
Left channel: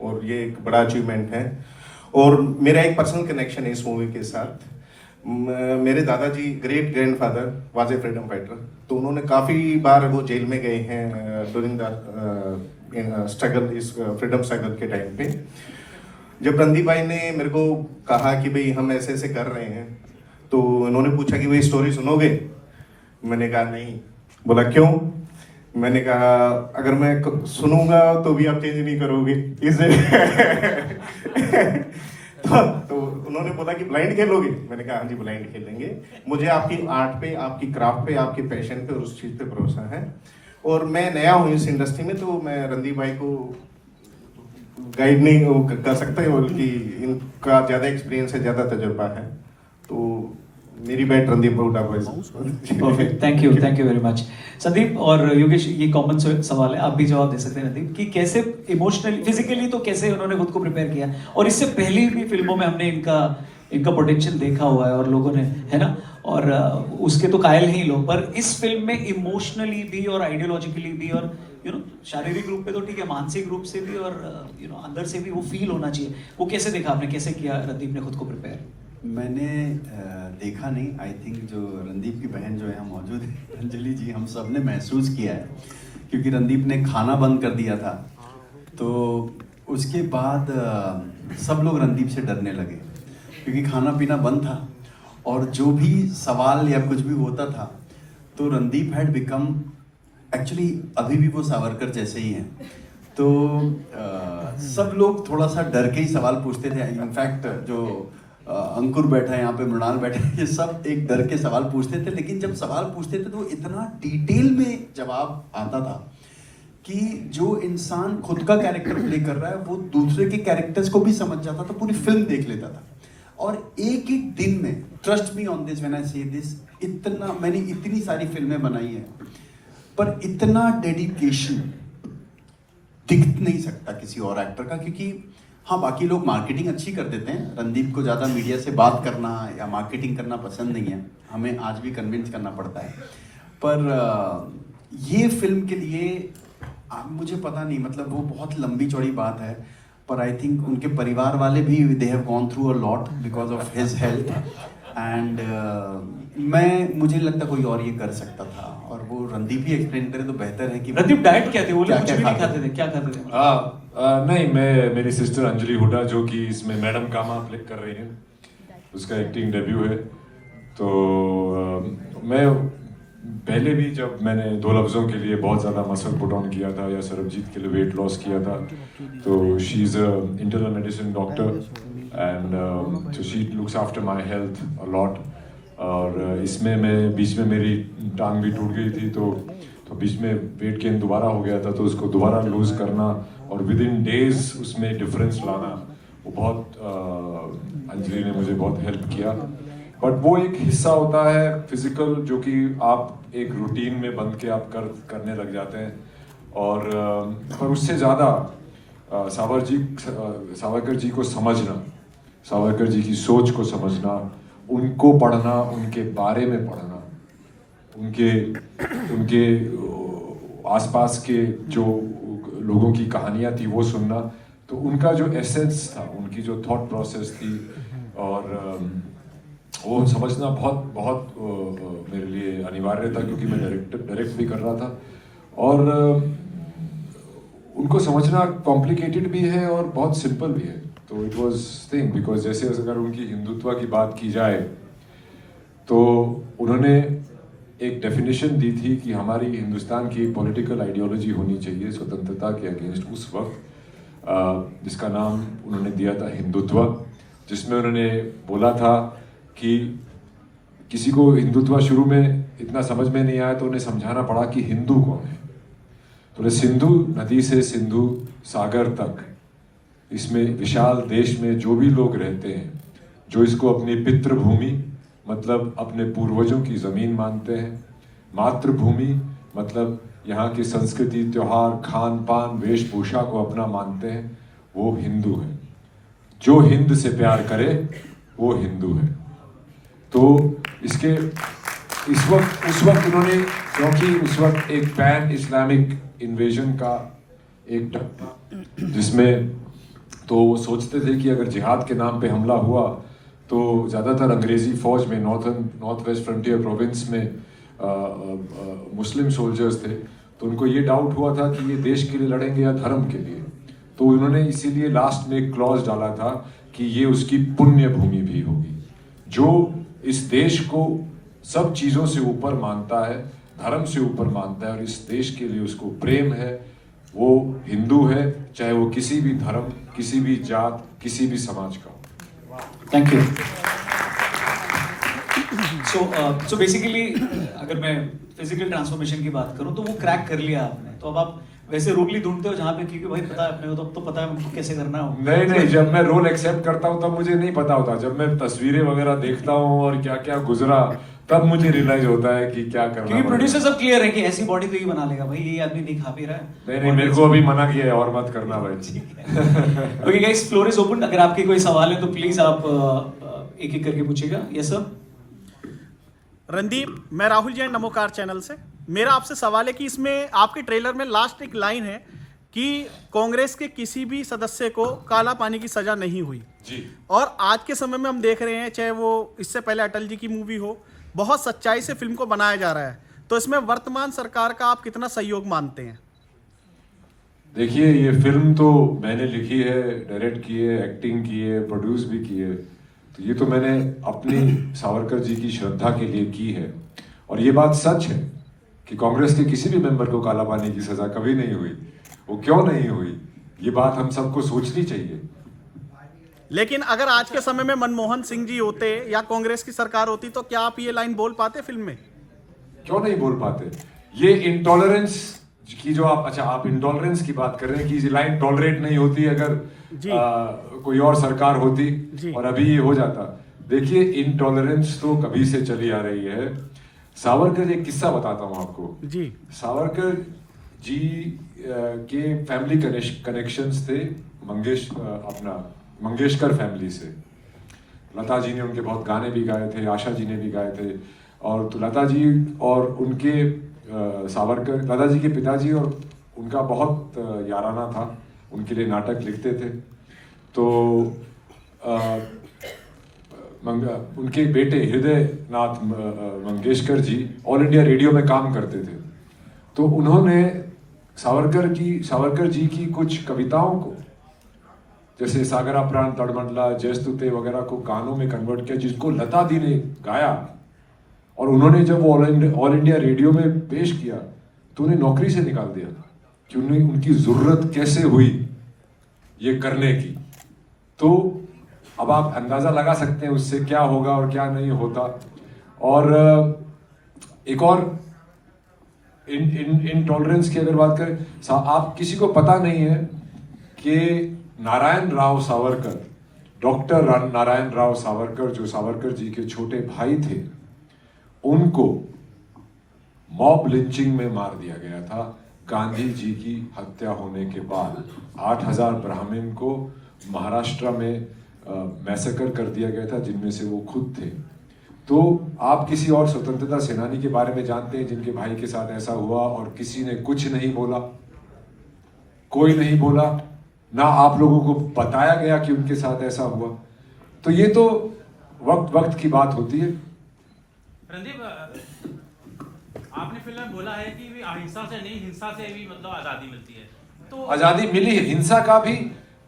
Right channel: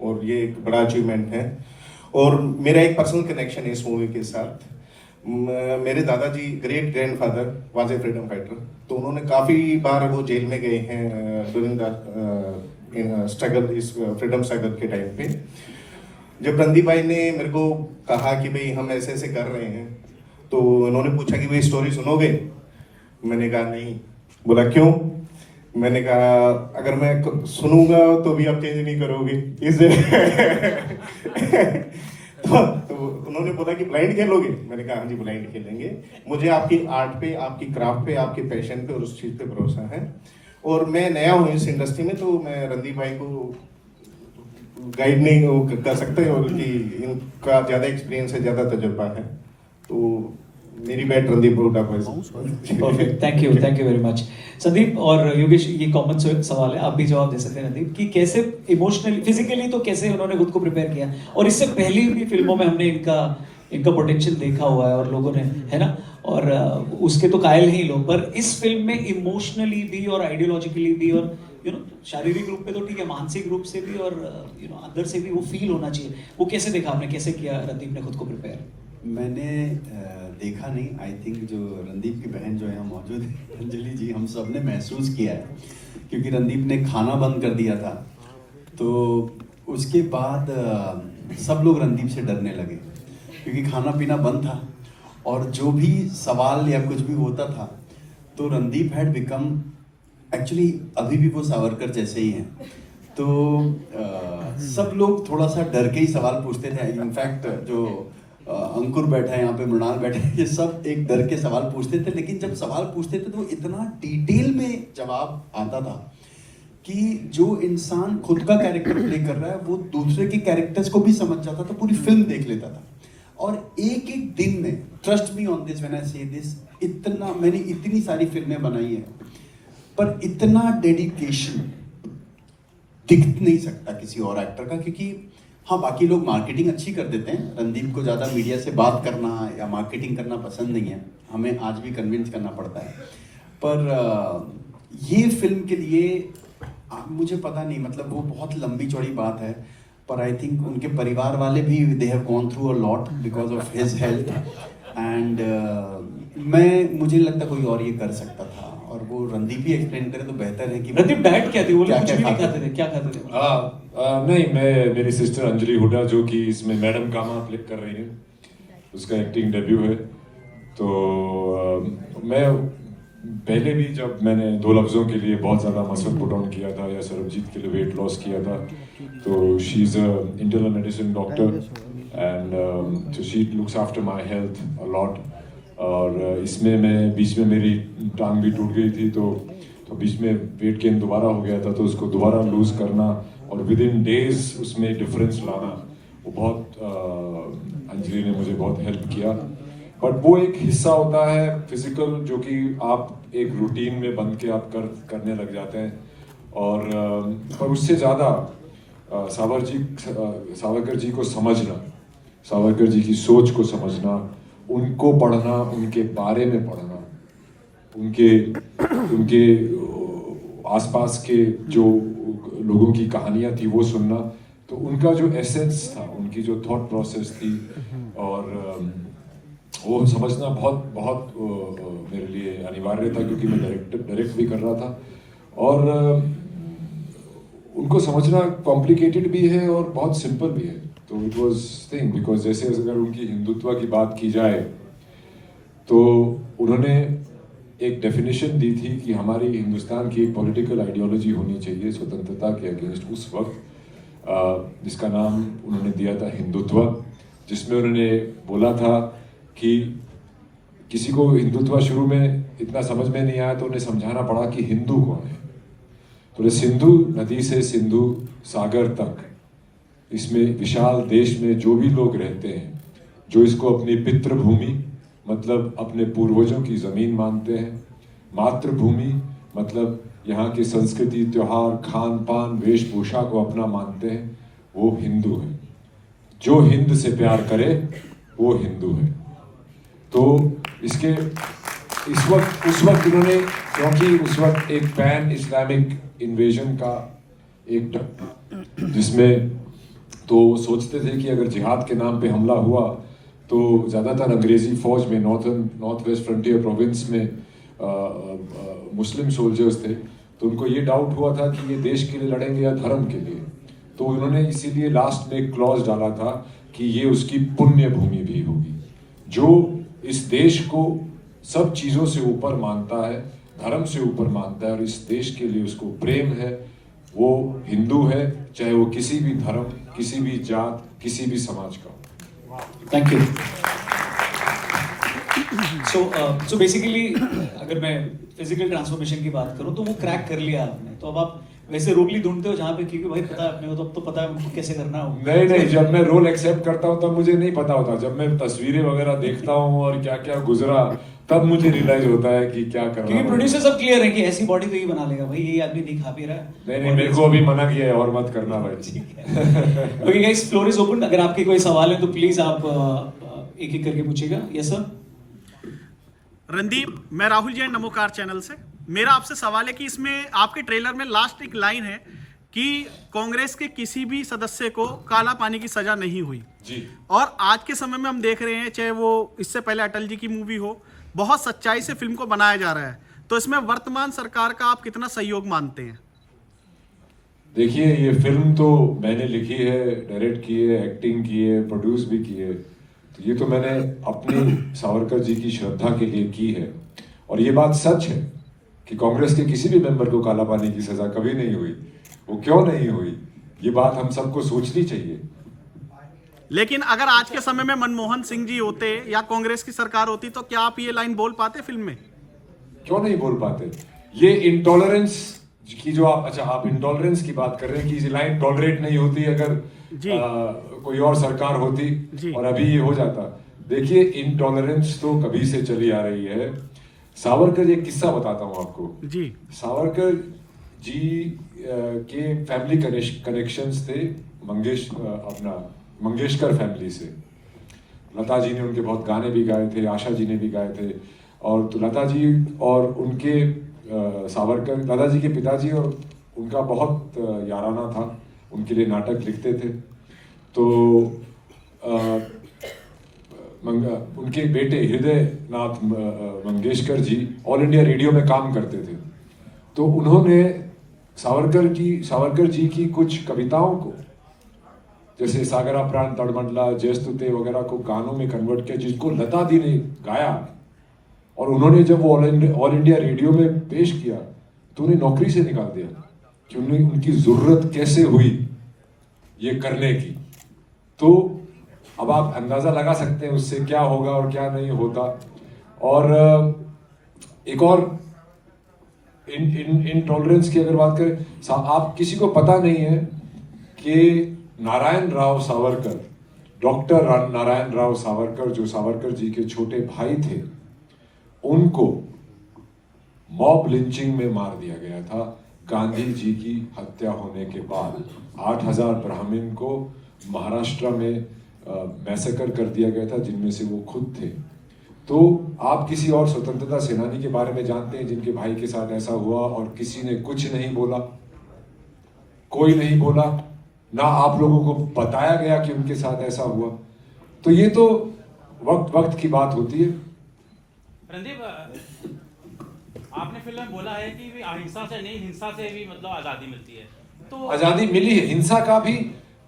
और ये एक बड़ा अचीवमेंट है। और मेरा एक पर्सनल कनेक्शन है इस मूवी के साथ। मेरे दादाजी great grandfather was a freedom fighter, तो उन्होंने काफ़ी बार वो जेल में गए हैं ड्यूरिंग द स्ट्रगल, इस फ्रीडम स्ट्रगल के टाइम पे। जब रणदीप भाई ने मेरे को कहा कि भाई हम ऐसे ऐसे कर रहे हैं तो उन्होंने पूछा कि भाई स्टोरी सुनोगे? मैंने कहा नहीं। बोला क्यों? मैंने कहा अगर मैं सुनूंगा तो भी आप चेंज नहीं करोगे तो उन्होंने बोला कि ब्लाइंड खेलोगे? मैंने कहा हाँ जी ब्लाइंड खेलेंगे। मुझे आपकी आर्ट पे, आपकी क्राफ्ट पे, आपके पैशन पे और उस चीज़ पे भरोसा है। और मैं नया हूँ इस इंडस्ट्री में तो मैं रणदीप भाई को गाइड नहीं कर सकते और कि इनका ज़्यादा एक्सपीरियंस है, ज़्यादा तजुर्बा है, तो मेरी बैट रणदीप हुडा को। Perfect, thank you very much. Sandeep और योगेश, ये कॉमन सवाल है, आप भी जवाब दे सकते हैं रणदीप, कि कैसे इमोशनली, फिजिकली तो कैसे उन्होंने खुद को प्रिपेयर किया, और इससे पहले भी फिल्मों में हमने इनका पोटेंशियल देखा हुआ है और लोगों ने, है ना, और उसके तो कायल ही लोग, पर इस फिल्म में इमोशनली भी और आइडियोलॉजिकली भी और शारीरिक रूप पे तो ठीक है, मानसिक रूप से भी और अंदर से भी वो फील होना चाहिए। वो कैसे देखा आपने, कैसे किया रणदीप ने खुद को प्रिपेयर? मैंने देखा नहीं, आई थिंक जो रणदीप की बहन जो है मौजूद है अंजलि जी, हम सब ने महसूस किया है, क्योंकि रणदीप ने खाना बंद कर दिया था तो उसके बाद सब लोग रणदीप से डरने लगे क्योंकि खाना पीना बंद था और जो भी सवाल या कुछ भी होता था तो रणदीप हैड बिकम एक्चुअली अभी भी वो सावरकर जैसे ही हैं। तो सब लोग थोड़ा सा डर के ही सवाल पूछते थे। इनफैक्ट जो अंकुर बैठा है यहाँ पे, मृणाल बैठे हैं, ये सब एक डर के सवाल पूछते थे। लेकिन जब सवाल पूछते थे तो इतना डिटेल में जवाब आता था कि जो इंसान खुद का कैरेक्टर प्ले कर रहा है वो दूसरे के कैरेक्टर्स को भी समझ जाता था, पूरी फिल्म देख लेता था। और एक एक दिन में, trust me on this when I से दिस, मैंने इतनी सारी फिल्में बनाई हैं पर इतना डेडिकेशन दिख नहीं सकता किसी और एक्टर का। क्योंकि हाँ, बाकी लोग मार्केटिंग अच्छी कर देते हैं, रणदीप को ज़्यादा मीडिया से बात करना या मार्केटिंग करना पसंद नहीं है, हमें आज भी कन्विंस करना पड़ता है। पर ये फिल्म के लिए मुझे पता नहीं, मतलब वो बहुत लंबी चौड़ी बात है, पर आई थिंक उनके परिवार वाले भी they have gone through a lot because of his health and मुझे लगता कोई और ये कर सकता था और वो रणदीप ही एक्सप्लेन करे तो बेहतर है कि रणदीप डाइट क्या थे? वो लोग कुछ भी नहीं खाते खाते थे, क्या खाते थे? नहीं, मेरी सिस्टर अंजलि हुड्डा जो कि इसमें मैडम कामा प्ले कर रही है, उसका एक्टिंग डेब्यू है। तो मैं पहले भी जब मैंने 2 लफ्ज़ों के लिए बहुत ज़्यादा मसल पुट ऑन किया था या सरबजीत के लिए वेट लॉस किया था, तो she is a internal medicine doctor and so she looks after my health a lot. और इसमें मैं बीच में मेरी टांग भी टूट गई थी, तो बीच में वेट गेन दोबारा हो गया था, तो उसको दोबारा लूज़ करना और विद इन डेज उसमें डिफरेंस लाना, वो बहुत अंजलि ने मुझे बहुत हेल्प किया। बट वो एक हिस्सा होता है फिजिकल जो कि आप एक रूटीन में बंद के आप करने लग जाते हैं। और पर उससे ज़्यादा सावरकर जी को समझना, सावरकर जी की सोच को समझना, उनको पढ़ना, उनके बारे में पढ़ना, उनके आसपास के जो लोगों की कहानियाँ थी वो सुनना, तो उनका जो एसेंस था, उनकी जो थॉट प्रोसेस थी और वो समझना बहुत मेरे लिए अनिवार्य था क्योंकि मैं डायरेक्ट भी कर रहा था। और उनको समझना कॉम्प्लिकेटेड भी है और बहुत सिंपल भी है। तो इट वाज थिंग बिकॉज जैसे अगर उनकी हिंदुत्व की बात की जाए तो उन्होंने एक डेफिनेशन दी थी कि हमारी हिंदुस्तान की एक पॉलिटिकल आइडियोलॉजी होनी चाहिए स्वतंत्रता के अगेंस्ट उस वक्त, जिसका नाम उन्होंने दिया था हिंदुत्व, जिसमें उन्होंने बोला था कि किसी को हिंदुत्व शुरू में इतना समझ में नहीं आया तो उन्हें समझाना पड़ा कि हिंदू कौन है। तो सिंधु नदी से सिंधु सागर तक, इसमें विशाल देश में जो भी लोग रहते हैं, जो इसको अपनी पितृभूमि मतलब अपने पूर्वजों की ज़मीन मानते हैं, मातृभूमि मतलब यहाँ की संस्कृति, त्योहार, खान पान, वेशभूषा को अपना मानते हैं, वो हिंदू है। जो हिंद से प्यार करे वो हिंदू है। तो इसके उस वक्त उन्होंने, क्योंकि उस वक्त एक पैन इस्लामिक इन्वेजन का एक जिसमें तो सोचते थे कि अगर जिहाद के नाम पे हमला हुआ तो ज़्यादातर अंग्रेज़ी फ़ौज में नॉर्थ वेस्ट फ्रंटियर प्रोविंस में मुस्लिम सोल्जर्स थे, तो उनको ये डाउट हुआ था कि ये देश के लिए लड़ेंगे या धर्म के लिए। तो उन्होंने इसीलिए लास्ट में एक क्लॉज डाला था कि ये उसकी पुण्य भूमि भी होगी। जो इस देश को सब चीज़ों से ऊपर मानता है, धर्म से ऊपर मानता है और इस देश के लिए उसको प्रेम है, वो हिंदू है, चाहे वो किसी भी धर्म, किसी भी जात, किसी भी समाज का हो। Thank you. सो बेसिकली अगर मैं फिजिकल ट्रांसफॉर्मेशन की बात करूं तो वो क्रैक कर लिया आपने, तो अब आप वैसे रोगली ढूंढते हो जहाँ पे, क्योंकि भाई पता है अपने को, तो पता है कैसे करना है। नहीं, जब मैं रोल एक्सेप्ट करता हूँ तब मुझे नहीं पता होता। जब मैं तस्वीरें वगैरह देखता हूँ और क्या क्या गुजरा, तब मुझे रियलाइज होता है कि क्या करना है। क्योंकि प्रोड्यूसर सब क्लियर है कि ऐसी बॉडी तो ही बना लेगा भाई, ये आदमी नहीं खा पी रहा है। नहीं, मेरे को अभी मना किया है और मत करना भाई। Okay guys, floor is open. अगर आपके कोई सवाल है तो प्लीज आप एक एक करके पूछिएगा। Yes sir. रणदीप, मैं राहुल जैन नमोकार चैनल से। मेरा आपसे सवाल है कि इसमें आपके ट्रेलर में लास्ट एक लाइन है कि कांग्रेस के किसी भी सदस्य को काला पानी की सजा नहीं हुई जी। और आज के समय में हम देख रहे हैं, चाहे वो इससे पहले अटल जी की मूवी हो, बहुत सच्चाई से फिल्म को बनाया जा रहा है, तो इसमें वर्तमान सरकार का आप कितना सहयोग मानते हैं? देखिए, ये फिल्म तो मैंने लिखी है, डायरेक्ट की है, एक्टिंग की है, प्रोड्यूस भी की है। तो ये तो मैंने अपनी सावरकर जी की श्रद्धा के लिए की है। और ये बात सच है कि कांग्रेस के किसी भी मेंबर को काला पानी की सजा कभी नहीं हुई। वो क्यों नहीं हुई, ये बात हम सबको सोचनी चाहिए। लेकिन अगर आज के समय में मनमोहन सिंह जी होते या कांग्रेस की सरकार होती तो क्या आप ये लाइन बोल पाते फिल्म में? क्यों नहीं बोल पाते? ये इंटॉलरेंस की जो आप इंटॉलरेंस की बात कर रहे हैं कि ये लाइन टॉलरेट नहीं होती अगर कोई और सरकार होती और अभी ये हो जाता। देखिए, इनटॉलरेंस तो कभी से चली आ रही है। सावरकर, एक किस्सा बताता हूँ आपको जी। सावरकर जी के फैमिली कनेक्शंस थे मंगेशकर फैमिली से। लता जी ने उनके बहुत गाने भी गाए थे, आशा जी ने भी गाए थे। और तो लता जी और उनके सावरकर, लता जी के पिताजी और उनका बहुत याराना था, उनके लिए नाटक लिखते थे। तो उनके बेटे हृदय नाथ Mangeshkar ji all India radio में काम करते थे। तो उन्होंने सावरकर जी की कुछ कविताओं को, जैसे सागरा प्राण तड़मंडला, जयस्तुते वगैरह को गानों में कन्वर्ट किया, जिसको लता दी ने गाया। और उन्होंने जब वो ऑल इंडिया रेडियो में पेश किया तो उन्हें नौकरी से निकाल दिया कि उनकी जरूरत कैसे हुई ये करने की। तो अब आप अंदाजा लगा सकते हैं उससे क्या होगा और क्या नहीं होता। और एक और इनटॉलरेंस की अगर बात करें, आप किसी को पता नहीं है कि नारायण राव सावरकर, डॉक्टर नारायण राव सावरकर, जो सावरकर जी के छोटे भाई थे, उनको मॉब लिंचिंग में मार दिया गया था गांधी जी की हत्या होने के बाद। 8000 ब्राह्मण को महाराष्ट्र में मैसेकर कर दिया गया था, जिनमें से वो खुद थे। तो आप किसी और स्वतंत्रता सेनानी के बारे में जानते हैं जिनके भाई के साथ ऐसा हुआ और किसी ने कुछ नहीं बोला? कोई नहीं बोला, ना आप लोगों को बताया गया कि उनके साथ ऐसा हुआ। तो ये तो वक्त की बात होती है। रणदीप, आपने फिल्म में बोला है कि अहिंसा से नहीं, हिंसा से भी मतलब आजादी मिलती है। तो आजादी मिली है, हिंसा का भी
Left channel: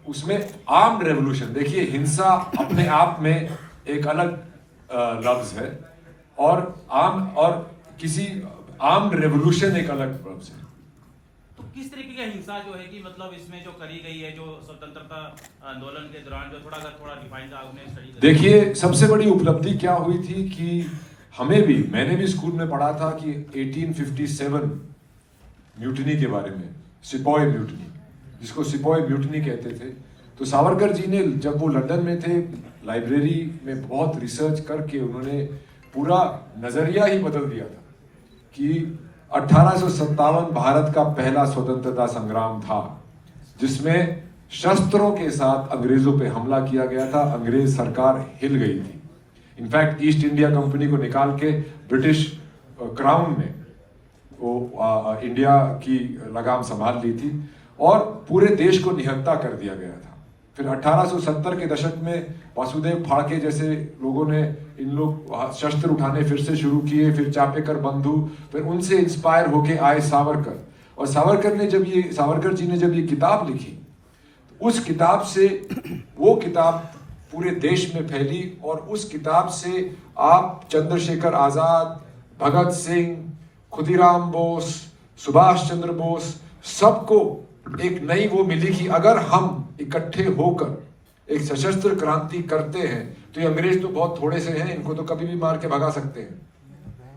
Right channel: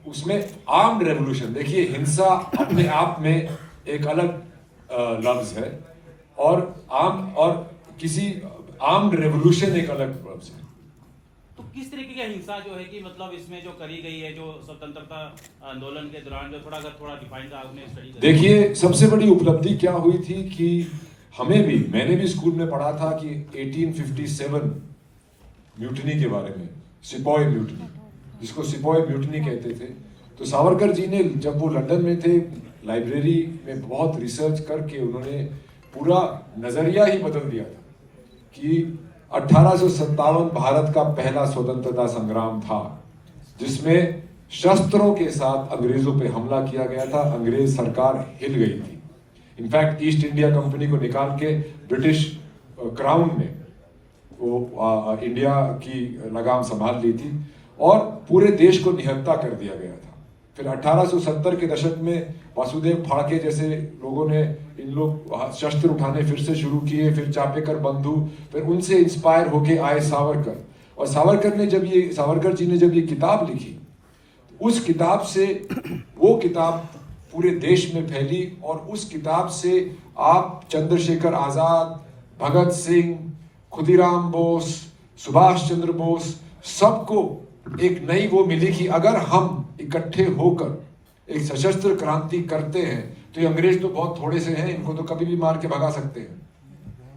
उसमें आर्म्ड रेवोल्यूशन। देखिए, हिंसा अपने आप में एक अलग लफ्ज है और किसी आर्म्ड रेवोल्यूशन एक अलग लफ्ज है। तो किस तरीके की हिंसा जो है कि मतलब इसमें जो करी गई है, जो स्वतंत्रता आंदोलन के दौरान, जो थोड़ा डिफाइन आपने स्टडी। देखिए, सबसे बड़ी उपलब्धि क्या हुई थी कि मैंने भी स्कूल में पढ़ा था कि 1857 म्यूटनी के बारे में, सिपॉय म्यूटनी, जिसको सिपॉय म्यूटनी कहते थे। तो सावरकर जी ने, जब वो लंदन में थे, लाइब्रेरी में बहुत रिसर्च करके उन्होंने पूरा नजरिया ही बदल दिया था कि 1857 भारत का पहला स्वतंत्रता संग्राम था, जिसमें शस्त्रों के साथ अंग्रेजों पे हमला किया गया था। अंग्रेज सरकार हिल गई थी। इनफैक्ट ईस्ट इंडिया कंपनी को निकाल के ब्रिटिश क्राउन ने वो इंडिया की लगाम संभाल ली थी और पूरे देश को निहत्था कर दिया गया था। फिर 1870 के दशक में वासुदेव फाड़के जैसे लोगों ने शस्त्र उठाने फिर से शुरू किए। फिर चापेकर बंधु, फिर उनसे इंस्पायर होके आए सावरकर। और सावरकर जी ने जब ये किताब लिखी, उस किताब से वो किताब पूरे देश में फैली और उस किताब से आप चंद्रशेखर आजाद, भगत सिंह, खुदीराम बोस, सुभाष चंद्र बोस, सबको एक नई वो मिली कि अगर हम इकट्ठे होकर एक सशस्त्र क्रांति करते हैं तो ये अंग्रेज तो बहुत थोड़े से हैं, इनको तो कभी भी मार के भगा सकते हैं।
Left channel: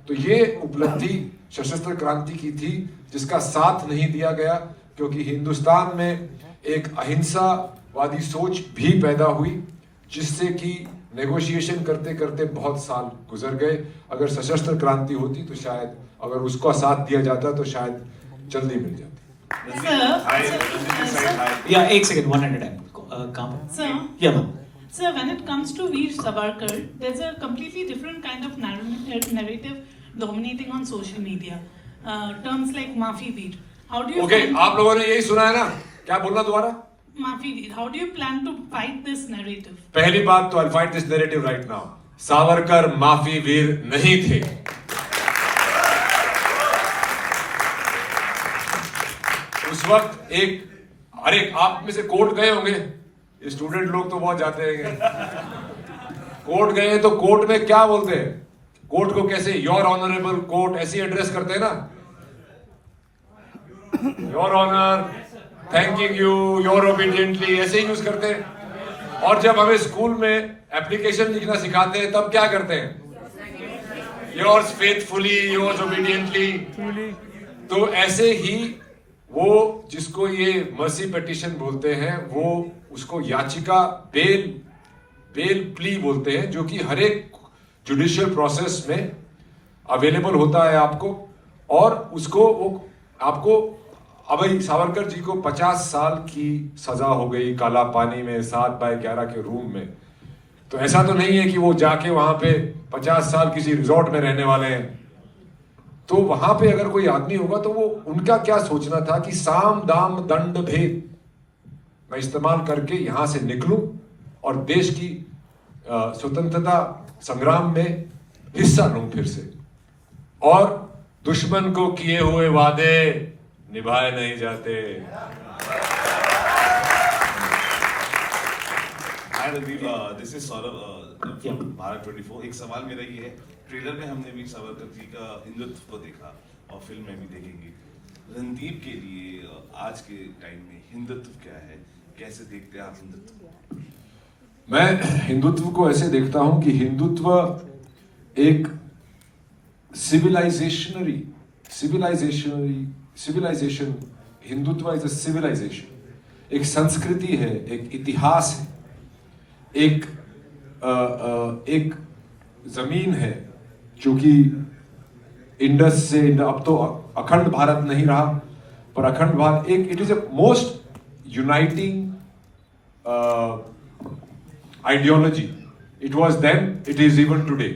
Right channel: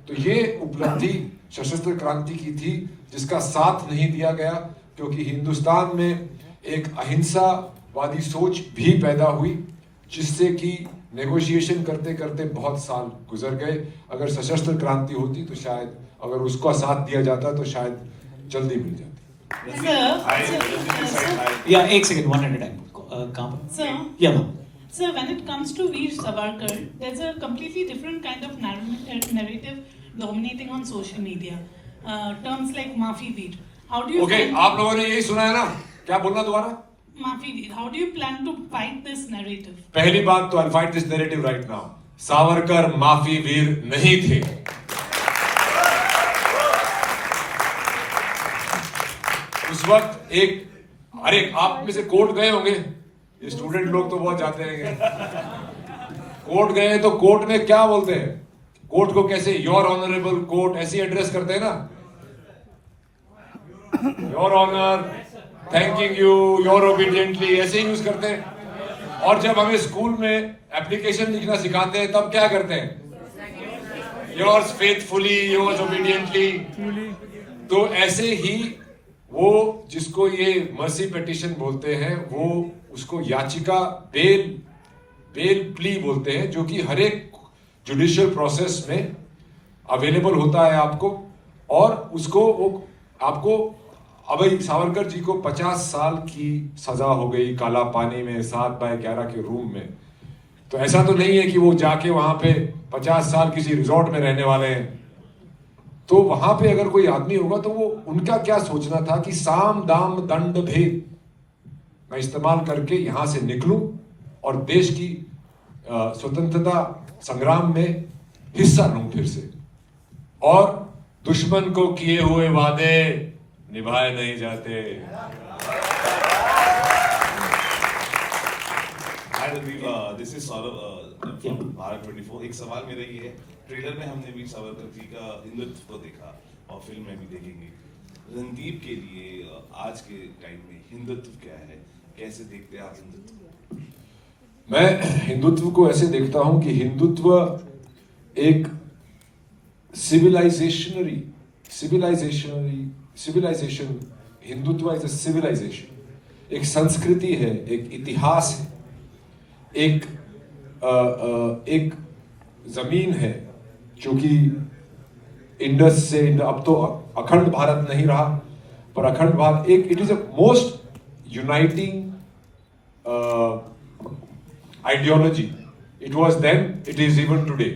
तो ये उपलब्धि सशस्त्र क्रांति की थी, जिसका साथ नहीं दिया गया, क्योंकि हिंदुस्तान में एक अहिंसावादी सोच भी पैदा हुई, जिससे कि नेगोशिएशन करते करते बहुत साल गुजर गए। अगर सशस्त्र क्रांति होती तो शायद, अगर उसका साथ दिया जाता तो शायद जल्दी मिल जाती। Yeah, एक second, one at a time. काम. Sir. Yeah, ma'am. Sir, when it comes to Veer Savarkar, there's a completely different kind of narrative dominating on social media. Terms like Maafi Veer. How do you? Okay, आप लोगों ने यही सुना है ना? क्या बोलना दोबारा? Maafi Veer. How do you plan to fight this narrative? पहली बात तो I'll fight this narrative right now. Savarkar माफी वीर नहीं थे। उस वक्त एक अरे आप में से कोर्ट गए होंगे, ये स्टूडेंट लोग तो बहुत जाते हैं। कोर्ट गए तो कोर्ट में क्या बोलते हैं? कोर्ट को कैसे योर ऑनरेबल कोर्ट ऐसे एड्रेस करते हैं ना, your honour, thanking you, your obediently, ऐसे ही यूज करते हैं। और जब हमें स्कूल में एप्लीकेशन लिखना सिखाते हैं तब क्या करते हैं? Yours faithfully, yours obediently. तो ऐसे ही वो जिसको ये मर्सी पिटीशन बोलते हैं, वो उसको याचिका बेल प्ली बोलते हैं, जो कि हर एक जुडिशियल प्रोसेस में अवेलेबल होता है आपको। और उसको वो आपको अभय सावरकर जी को 50 साल की सजा हो गई काला पानी में 7x11 के रूम में। तो ऐसा तो नहीं है कि वो जाके वहां पे 50 साल किसी रिजॉर्ट में रहने वाले हैं। तो वहां पे अगर कोई आदमी होगा तो वो उनका क्या सोचना था कि साम दाम दंड भेद मैं इस्तेमाल करके यहां से निकलूं और देश की स्वतंत्रता संग्राम में हिस्सा लूं फिर से। और दुश्मन को किए हुए वादे निभाए नहीं जाते। Hi Randeep, this is Saurabh from Bharat 24। एक सवाल मेरा ये है, ट्रेलर में हमने वीर सावरकर जी का हिंदुत्व को देखा और फिल्म में भी देखेंगे। रणदीप के लिए आज के टाइम में हिंदुत्व क्या है, कैसे देखते हैं आप हिंदुत्व? मैं हिंदुत्व को ऐसे देखता हूं कि हिंदुत्व एक civilisation, Hindutva is a civilisation, एक संस्कृति है, एक इतिहास है, एक जमीन है जो कि इंडस से अब तो अखंड भारत नहीं रहा, पर अखंड भारत एक it is a most uniting ideology. It was then, it is even today.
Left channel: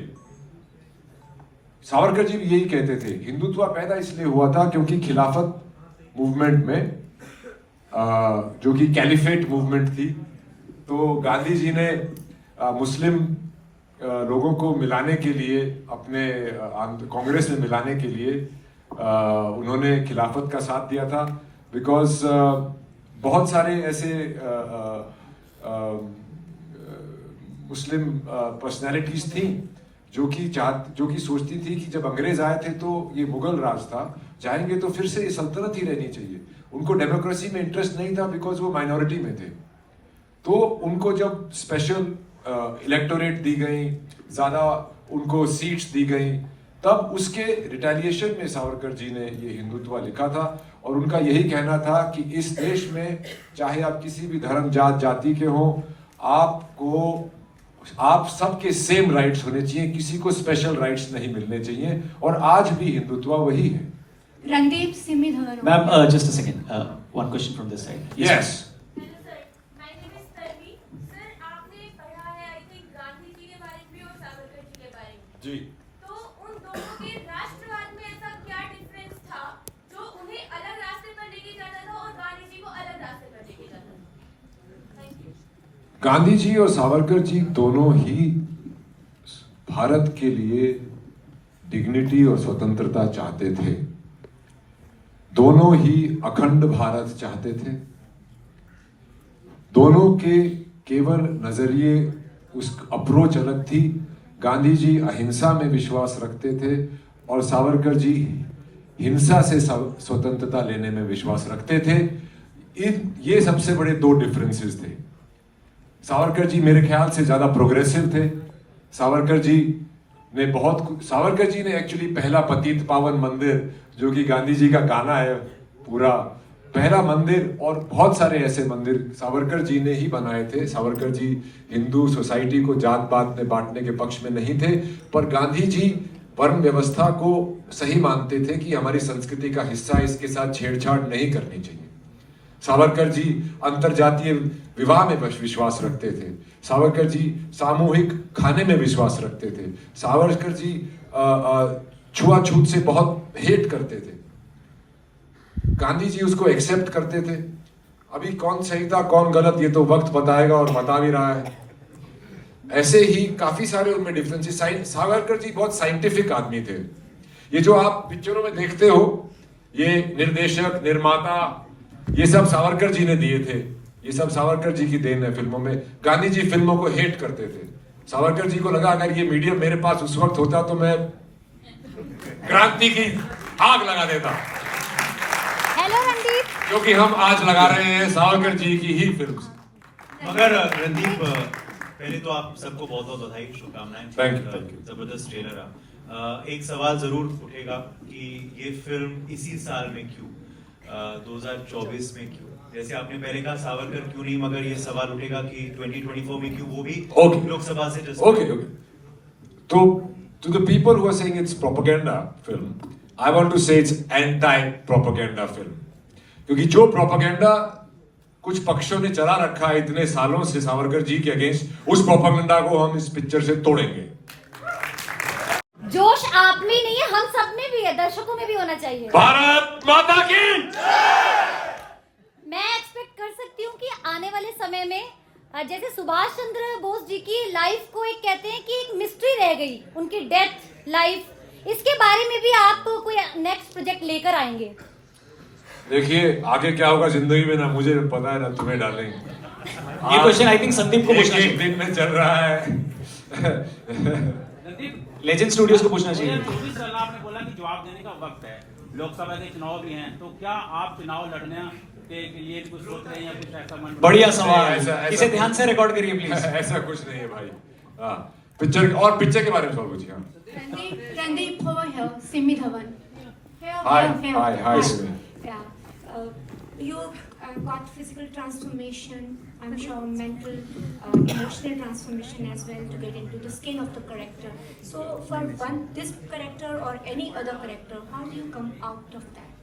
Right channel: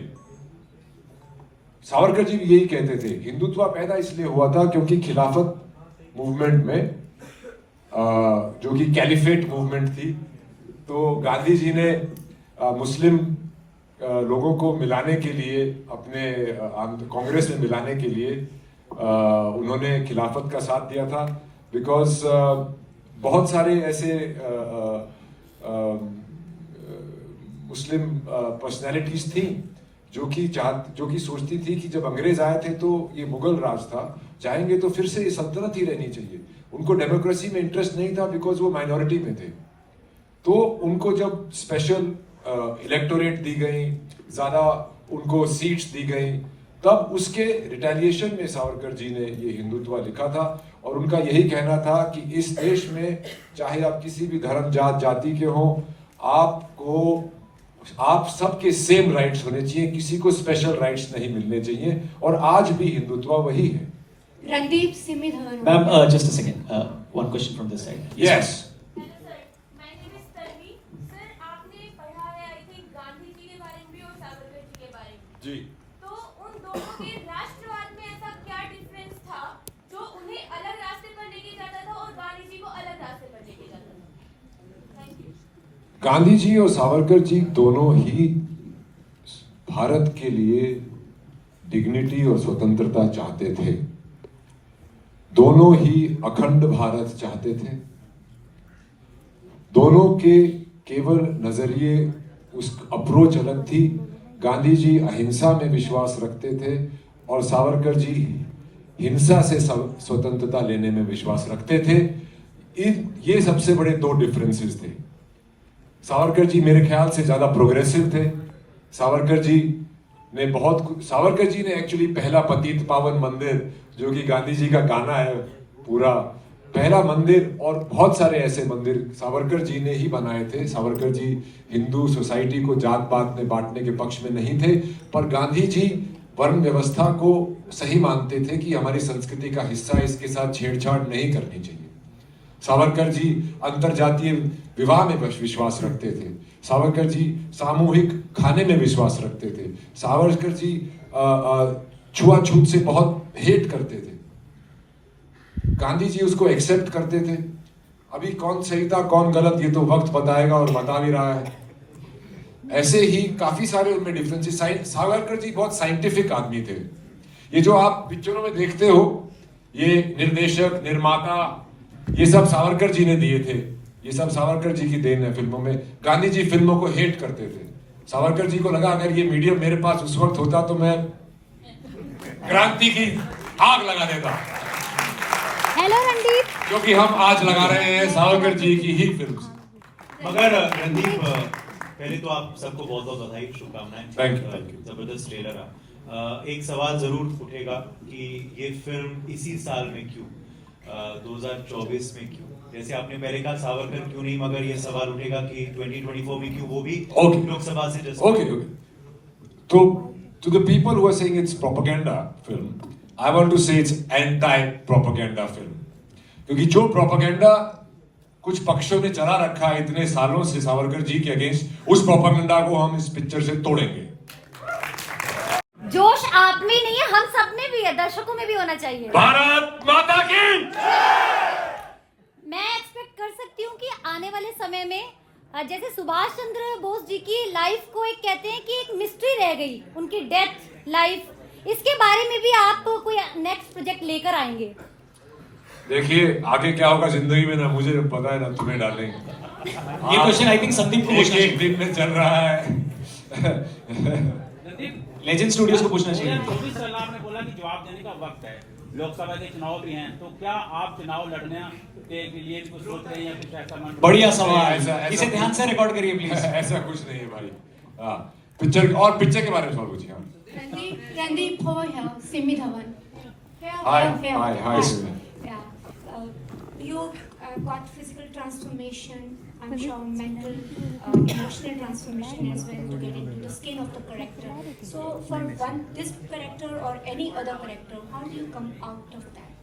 Savarkar ji भी यही कहते थे, हिंदुत्व पैदा इसलिए हुआ था क्योंकि खिलाफत मूवमेंट में जो कि कैलिफेट मूवमेंट थी, तो गांधी जी ने मुस्लिम लोगों को मिलाने के लिए, अपने कांग्रेस में मिलाने के लिए उन्होंने खिलाफत का साथ दिया था। बिकॉज बहुत सारे ऐसे मुस्लिम पर्सनैलिटीज थी जो कि सोचती थी कि जब अंग्रेज आए थे तो ये मुगल राज था, जाएंगे तो फिर से ये सल्तनत ही रहनी चाहिए। उनको डेमोक्रेसी में इंटरेस्ट नहीं था बिकॉज वो माइनॉरिटी में थे। तो उनको जब स्पेशल इलेक्टोरेट दी गई, ज्यादा उनको सीट्स दी गई, तब उसके रिटेलिएशन में सावरकर जी ने ये हिंदुत्व लिखा था। और उनका यही कहना था कि इस देश में चाहे आप किसी भी धर्म जात जाति के हो, आप सबके सेम राइट्स होने चाहिए, किसी को स्पेशल राइट्स नहीं मिलने चाहिए। और आज भी हिंदुत्व वही है। Randeep Simi Dhawan. Ma'am, just a second, one question from this side. Yes. जी। तो उन दोनों के राष्ट्रवाद में ऐसा क्या डिफरेंस था जो उन्हें अलग रास्ते पर लेके जाता था और गांधी जी को अलग रास्ते पर लेके जाता था? Thank you. गांधी जी और सावरकर जी दोनों ही भारत के लिए डिग्निटी और स्वतंत्रता चाहते थे। दोनों ही अखंड भारत चाहते थे। दोनों के केवल नजरिए, उस अप्रोच अलग थी। गांधी जी अहिंसा में विश्वास रखते थे और सावरकर जी हिंसा से स्वतंत्रता लेने में विश्वास रखते थे। ये सबसे बड़े दो डिफरेंसेस थे। सावरकर जी मेरे ख्याल से ज्यादा प्रोग्रेसिव थे। सावरकर जी ने एक्चुअली पहला पतित पावन मंदिर, जो कि गांधी जी का गाना है पूरा, पहला मंदिर और बहुत सारे ऐसे मंदिर सावरकर जी ने ही बनाए थे। सावरकर जी हिंदू सोसाइटी को जात पात में बांटने के पक्ष में नहीं थे, पर गांधी जी वर्ण व्यवस्था को सही मानते थे कि हमारी संस्कृति का हिस्सा, इसके साथ छेड़छाड़ नहीं करनी चाहिए। सावरकर जी अंतरजातीय विवाह में विश्वास रखते थे। सावरकर जी सामूहिक खाने में विश्वास रखते थे। सावरकर जी छुआछूत से बहुत हेट करते थे। गांधी जी उसको एक्सेप्ट करते थे। अभी कौन सही था कौन गलत ये तो वक्त बताएगा और बता भी रहा है। ऐसे ही काफी सारे उनमें डिफरेंसेस। सावरकर जी बहुत साइंटिफिक आदमी थे। ये जो आप पिक्चरों में देखते हो, ये निर्देशक, निर्माता, ये सब सावरकर जी ने दिए थे, ये सब सावरकर जी की देन है फिल्मों में। गांधी जी फिल्मों को हेट करते थे, सावरकर जी को लगा अगर ये मीडियम मेरे पास उस वक्त होता तो मैं क्रांति की आग लगा देता, हेलो रणदीप। क्योंकि हम आज लगा रहे हैं सावरकर जी की ही फिल्म। मगर रणदीप, पहले तो आप सबको बहुत बहुत बधाई, शुभकामनाएं। Thank you. जबरदस्त ट्रेलर है। एक सवाल जरूर उठेगा कि ये फिल्म इसी साल में क्यों, 2024 में क्यों? जैसे आपने पहले कहा सावरकर क्यों नहीं, मगर ये सवाल उठेगा कि 2024 में क्यों, वो भी लोकसभा से जस्ट ओके। तो to the people who are saying it's propaganda film, I want to say it's anti-propaganda film, क्योंकि जो प्रोपेगेंडा कुछ पक्षों ने चला रखा है इतने सालों से सावरकर जी के अगेंस्ट, उस प्रोपेगेंडा को हम इस पिक्चर से तोड़ेंगे। जोश आप में नहीं है, हम सब में भी है, दर्शकों में भी होना चाहिए। भारत माता की। मैं एक्सपेक्ट कर सकती हूँ कि आने वाले समय में जैसे सुभाष चंद्र बोस जी की लाइफ को एक कहते हैं कि एक मिस्ट्री रह गई, उनकी डेथ लाइफ, इसके बारे में भी आप कोई नेक्स्ट प्रोजेक्ट लेकर आएंगे? देखिए आगे क्या होगा जिंदगी में, ना मुझे पता है ना तुम्हें डालेंगे। ये क्वेश्चन आई थिंक संदीप को पूछना एक दिन में चल रहा है। लेजेंड स्टूडियोज को पूछना चाहिए। 24 साल आपने बोला कि जवाब देने का वक्त है, लोकसभा के चुनाव भी हैं, तो क्या आप चुनाव लड़ने के लिए कुछ सोच रहे हैं या कुछ ऐसा मन? बढ़िया सवाल, इसे ध्यान से रिकॉर्ड करिए प्लीज। ऐसा कुछ नहीं है भाई। हाँ, पिक्चर और पिक्चर के बारे में सवाल पूछिए। Randeep, over here, Simi Dhawan. Hi, Simi. Yeah. You got physical transformation, I'm sure mental, emotional transformation as well to get into the skin of the character. So for this character or any other character, how do you come out of that?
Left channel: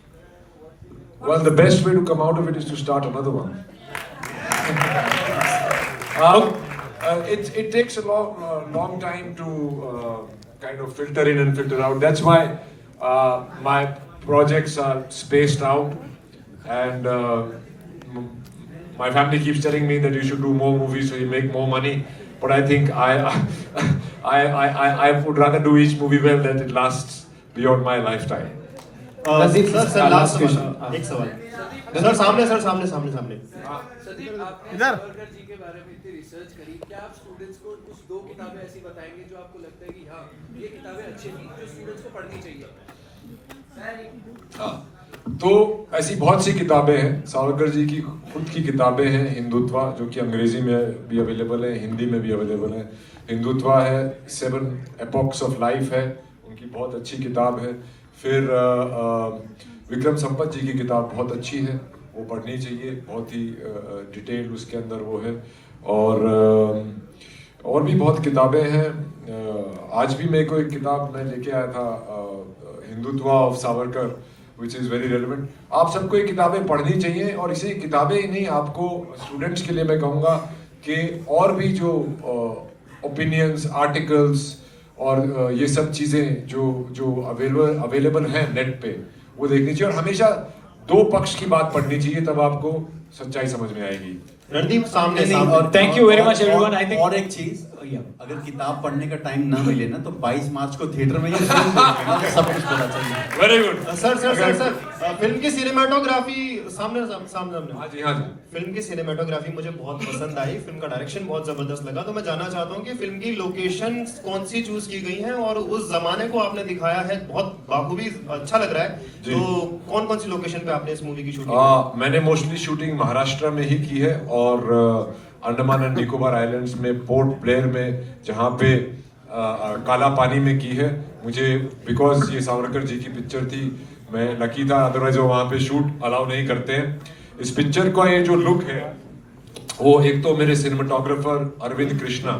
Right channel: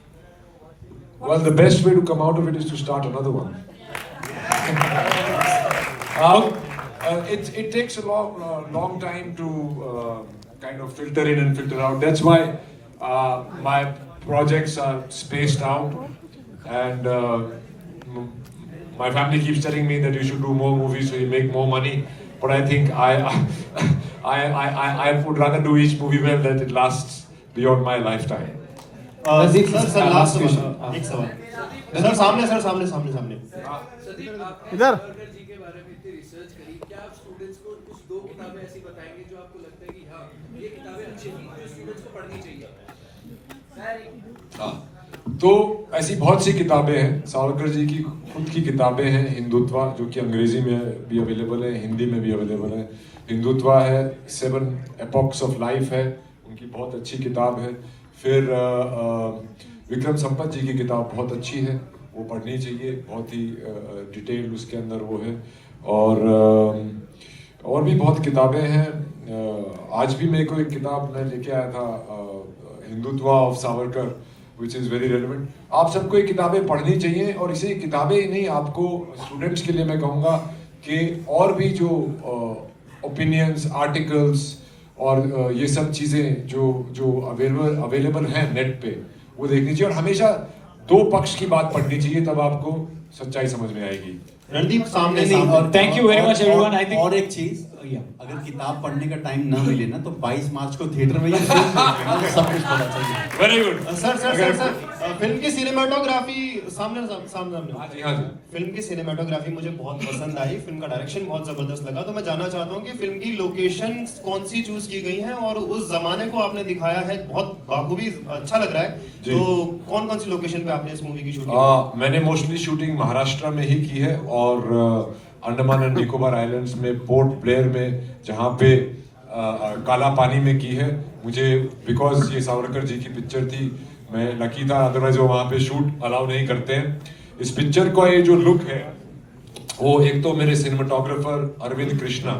Well, the best way to come out of it is to start another one. It takes a long time to kind of filter in and filter out. That's why my projects are spaced out, and my family keeps telling me that you should do more movies so you make more money. But I think I would rather do each movie well that it lasts beyond my lifetime. Sir last question, एक सवाल sir, सामने इधर जी के बारे में इतनी research करी, क्या आप स्टूडेंट्स को कुछ 2 किताबें ऐसी बताएंगे जो आपको लगता है कि हाँ ये किताबें अच्छी थी जो स्टूडेंट्स को पढ़नी चाहिए? तो ऐसी बहुत सी किताबें हैं, सावरकर जी की खुद की किताबें हैं। हिंदुत्व, जो कि अंग्रेजी में भी अवेलेबल है, हिंदी में भी अवेलेबल है। हिंदुत्व है, 7 एपॉक्स ऑफ लाइफ है, उनकी बहुत अच्छी किताब है। फिर विक्रम संपत जी की किताब बहुत अच्छी है, वो पढ़नी चाहिए, बहुत ही डिटेल उसके अंदर वो है। और भी बहुत किताबें हैं। आज भी मेरे को एक किताब मैं लेके आया था, Hindutva of Savarkar, which is very relevant. आप सबको ये किताबें पढ़नी चाहिए, और इसे किताबें ही नहीं, आपको स्टूडेंट्स के लिए मैं कहूँगा कि और भी जो ओपिनियंस, आर्टिकल्स और ये सब चीज़ें जो अवेलेबल हैं नेट पे, वो देखनी चाहिए। और हमेशा 2 पक्ष की बात पढ़नी चाहिए, तब आपको सच्चाई समझ में आएगी। रणदीप सामने और thank you very much everyone. I think और एक चीज, अगर किताब पढ़ने का टाइम ना मिले ना, तो 22 मार्च को थिएटर में ये फिल्म देखना, सब कुछ पता चलेगा। Very good. सर फिल्म की सिनेमेटोग्राफी सामने हाँ जी। फिल्म की सिनेमेटोग्राफी मुझे बहुत पसंद आई, फिल्म का डायरेक्शन बहुत जबरदस्त लगा। तो मैं जानना चाहता हूँ कि फिल्म की लोकेशन कौन सी चूज की गई हैं, और उस जमाने को आपने दिखाया है बहुत बाखूबी, अच्छा लग रहा है। तो कौन कौन सी लोकेशन पे आपने इस मूवी की शूटिंग? मैंने मोस्टली शूटिंग महाराष्ट्र में ही की है, और अंडमान एंड निकोबार आइलैंड्स में, पोर्ट ब्लेयर में, जहाँ पे काला पानी में की है। मुझे बिकॉज ये सावरकर जी की पिक्चर थी, मैं लकी था, अदरवाइज वो वहाँ पे शूट अलाउ नहीं करते हैं। इस पिक्चर का ये जो लुक है, वो एक तो मेरे सिनेमाटोग्राफर अरविंद कृष्णा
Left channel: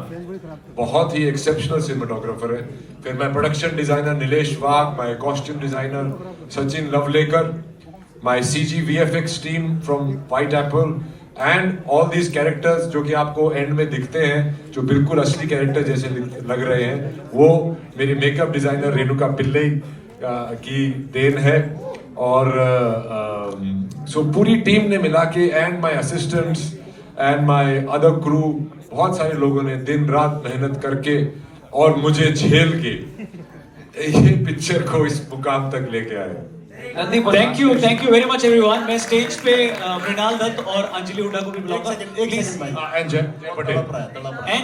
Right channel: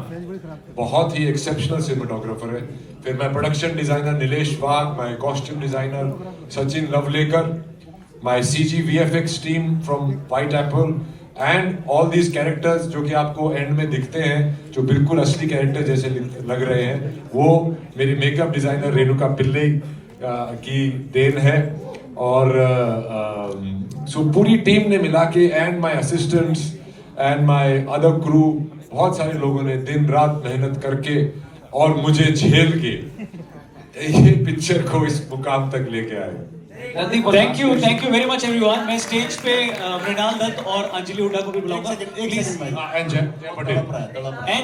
बहुत ही एक्सेप्शनल सिनेमाटोग्राफर है। फिर मैं production designer Nilesh Wagh, my costume designer Sachin Lavlekar, my CG VFX team from White Apple, and all these characters जो कि आपको एंड में दिखते हैं, जो बिल्कुल असली कैरेक्टर जैसे लग रहे हैं, वो मेरी मेकअप डिजाइनर रेणुका पिल्ले की देन है। और सो पूरी टीम ने मिला के, and my assistants and my other crew, बहुत सारे लोगों ने दिन रात मेहनत करके और मुझे झेल के ये पिक्चर को इस मुकाम तक लेके आए। Thank you very much everyone. मैं स्टेज पे मृणाल दत्त और अंजलि हुड्डा को भी बुलाऊंगा प्लीज, एंड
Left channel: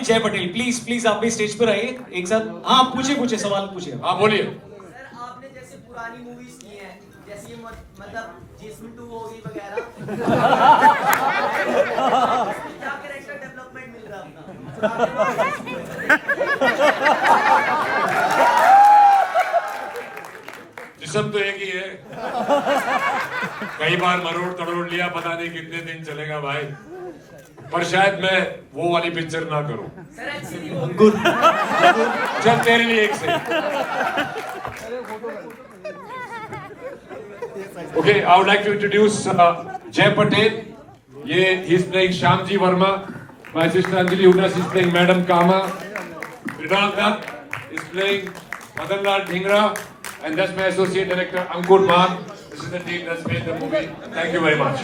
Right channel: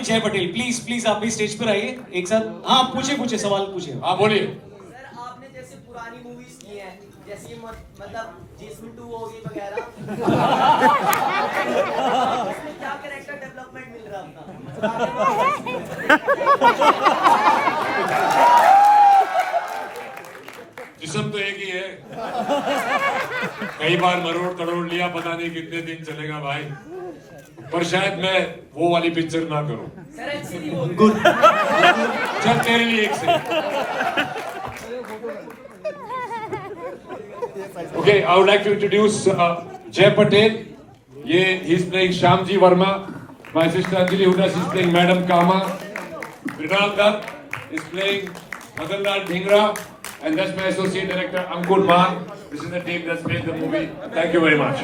जय पटेल प्लीज आप भी स्टेज पर आइए एक साथ। हाँ पूछे सवाल पूछे। हाँ बोलिए। आपने जैसे पुरानी मूवीज की हैं, जैसे मतलब जिसमें 2 होगी वगैरह, क्या कैरेक्टर डेवलपमेंट मिल रहा जिस्म तो एक ही है, कई बार मरोड़ तोड़ लिया, पता नहीं कितने दिन चलेगा भाई, पर शायद मैं वो वाली पिक्चर ना करूं। गुड, चल तेरे लिए एक से। Okay, I would like to introduce Jay Patel. He's playing Shyamji Verma. My sister Anjali Huda is playing Madam Kama. Mrinal Dutt is playing Madan Lal Dhingra, and that's my associate director Ankur Bhan. This is the team that's made the movie. Thank you very much.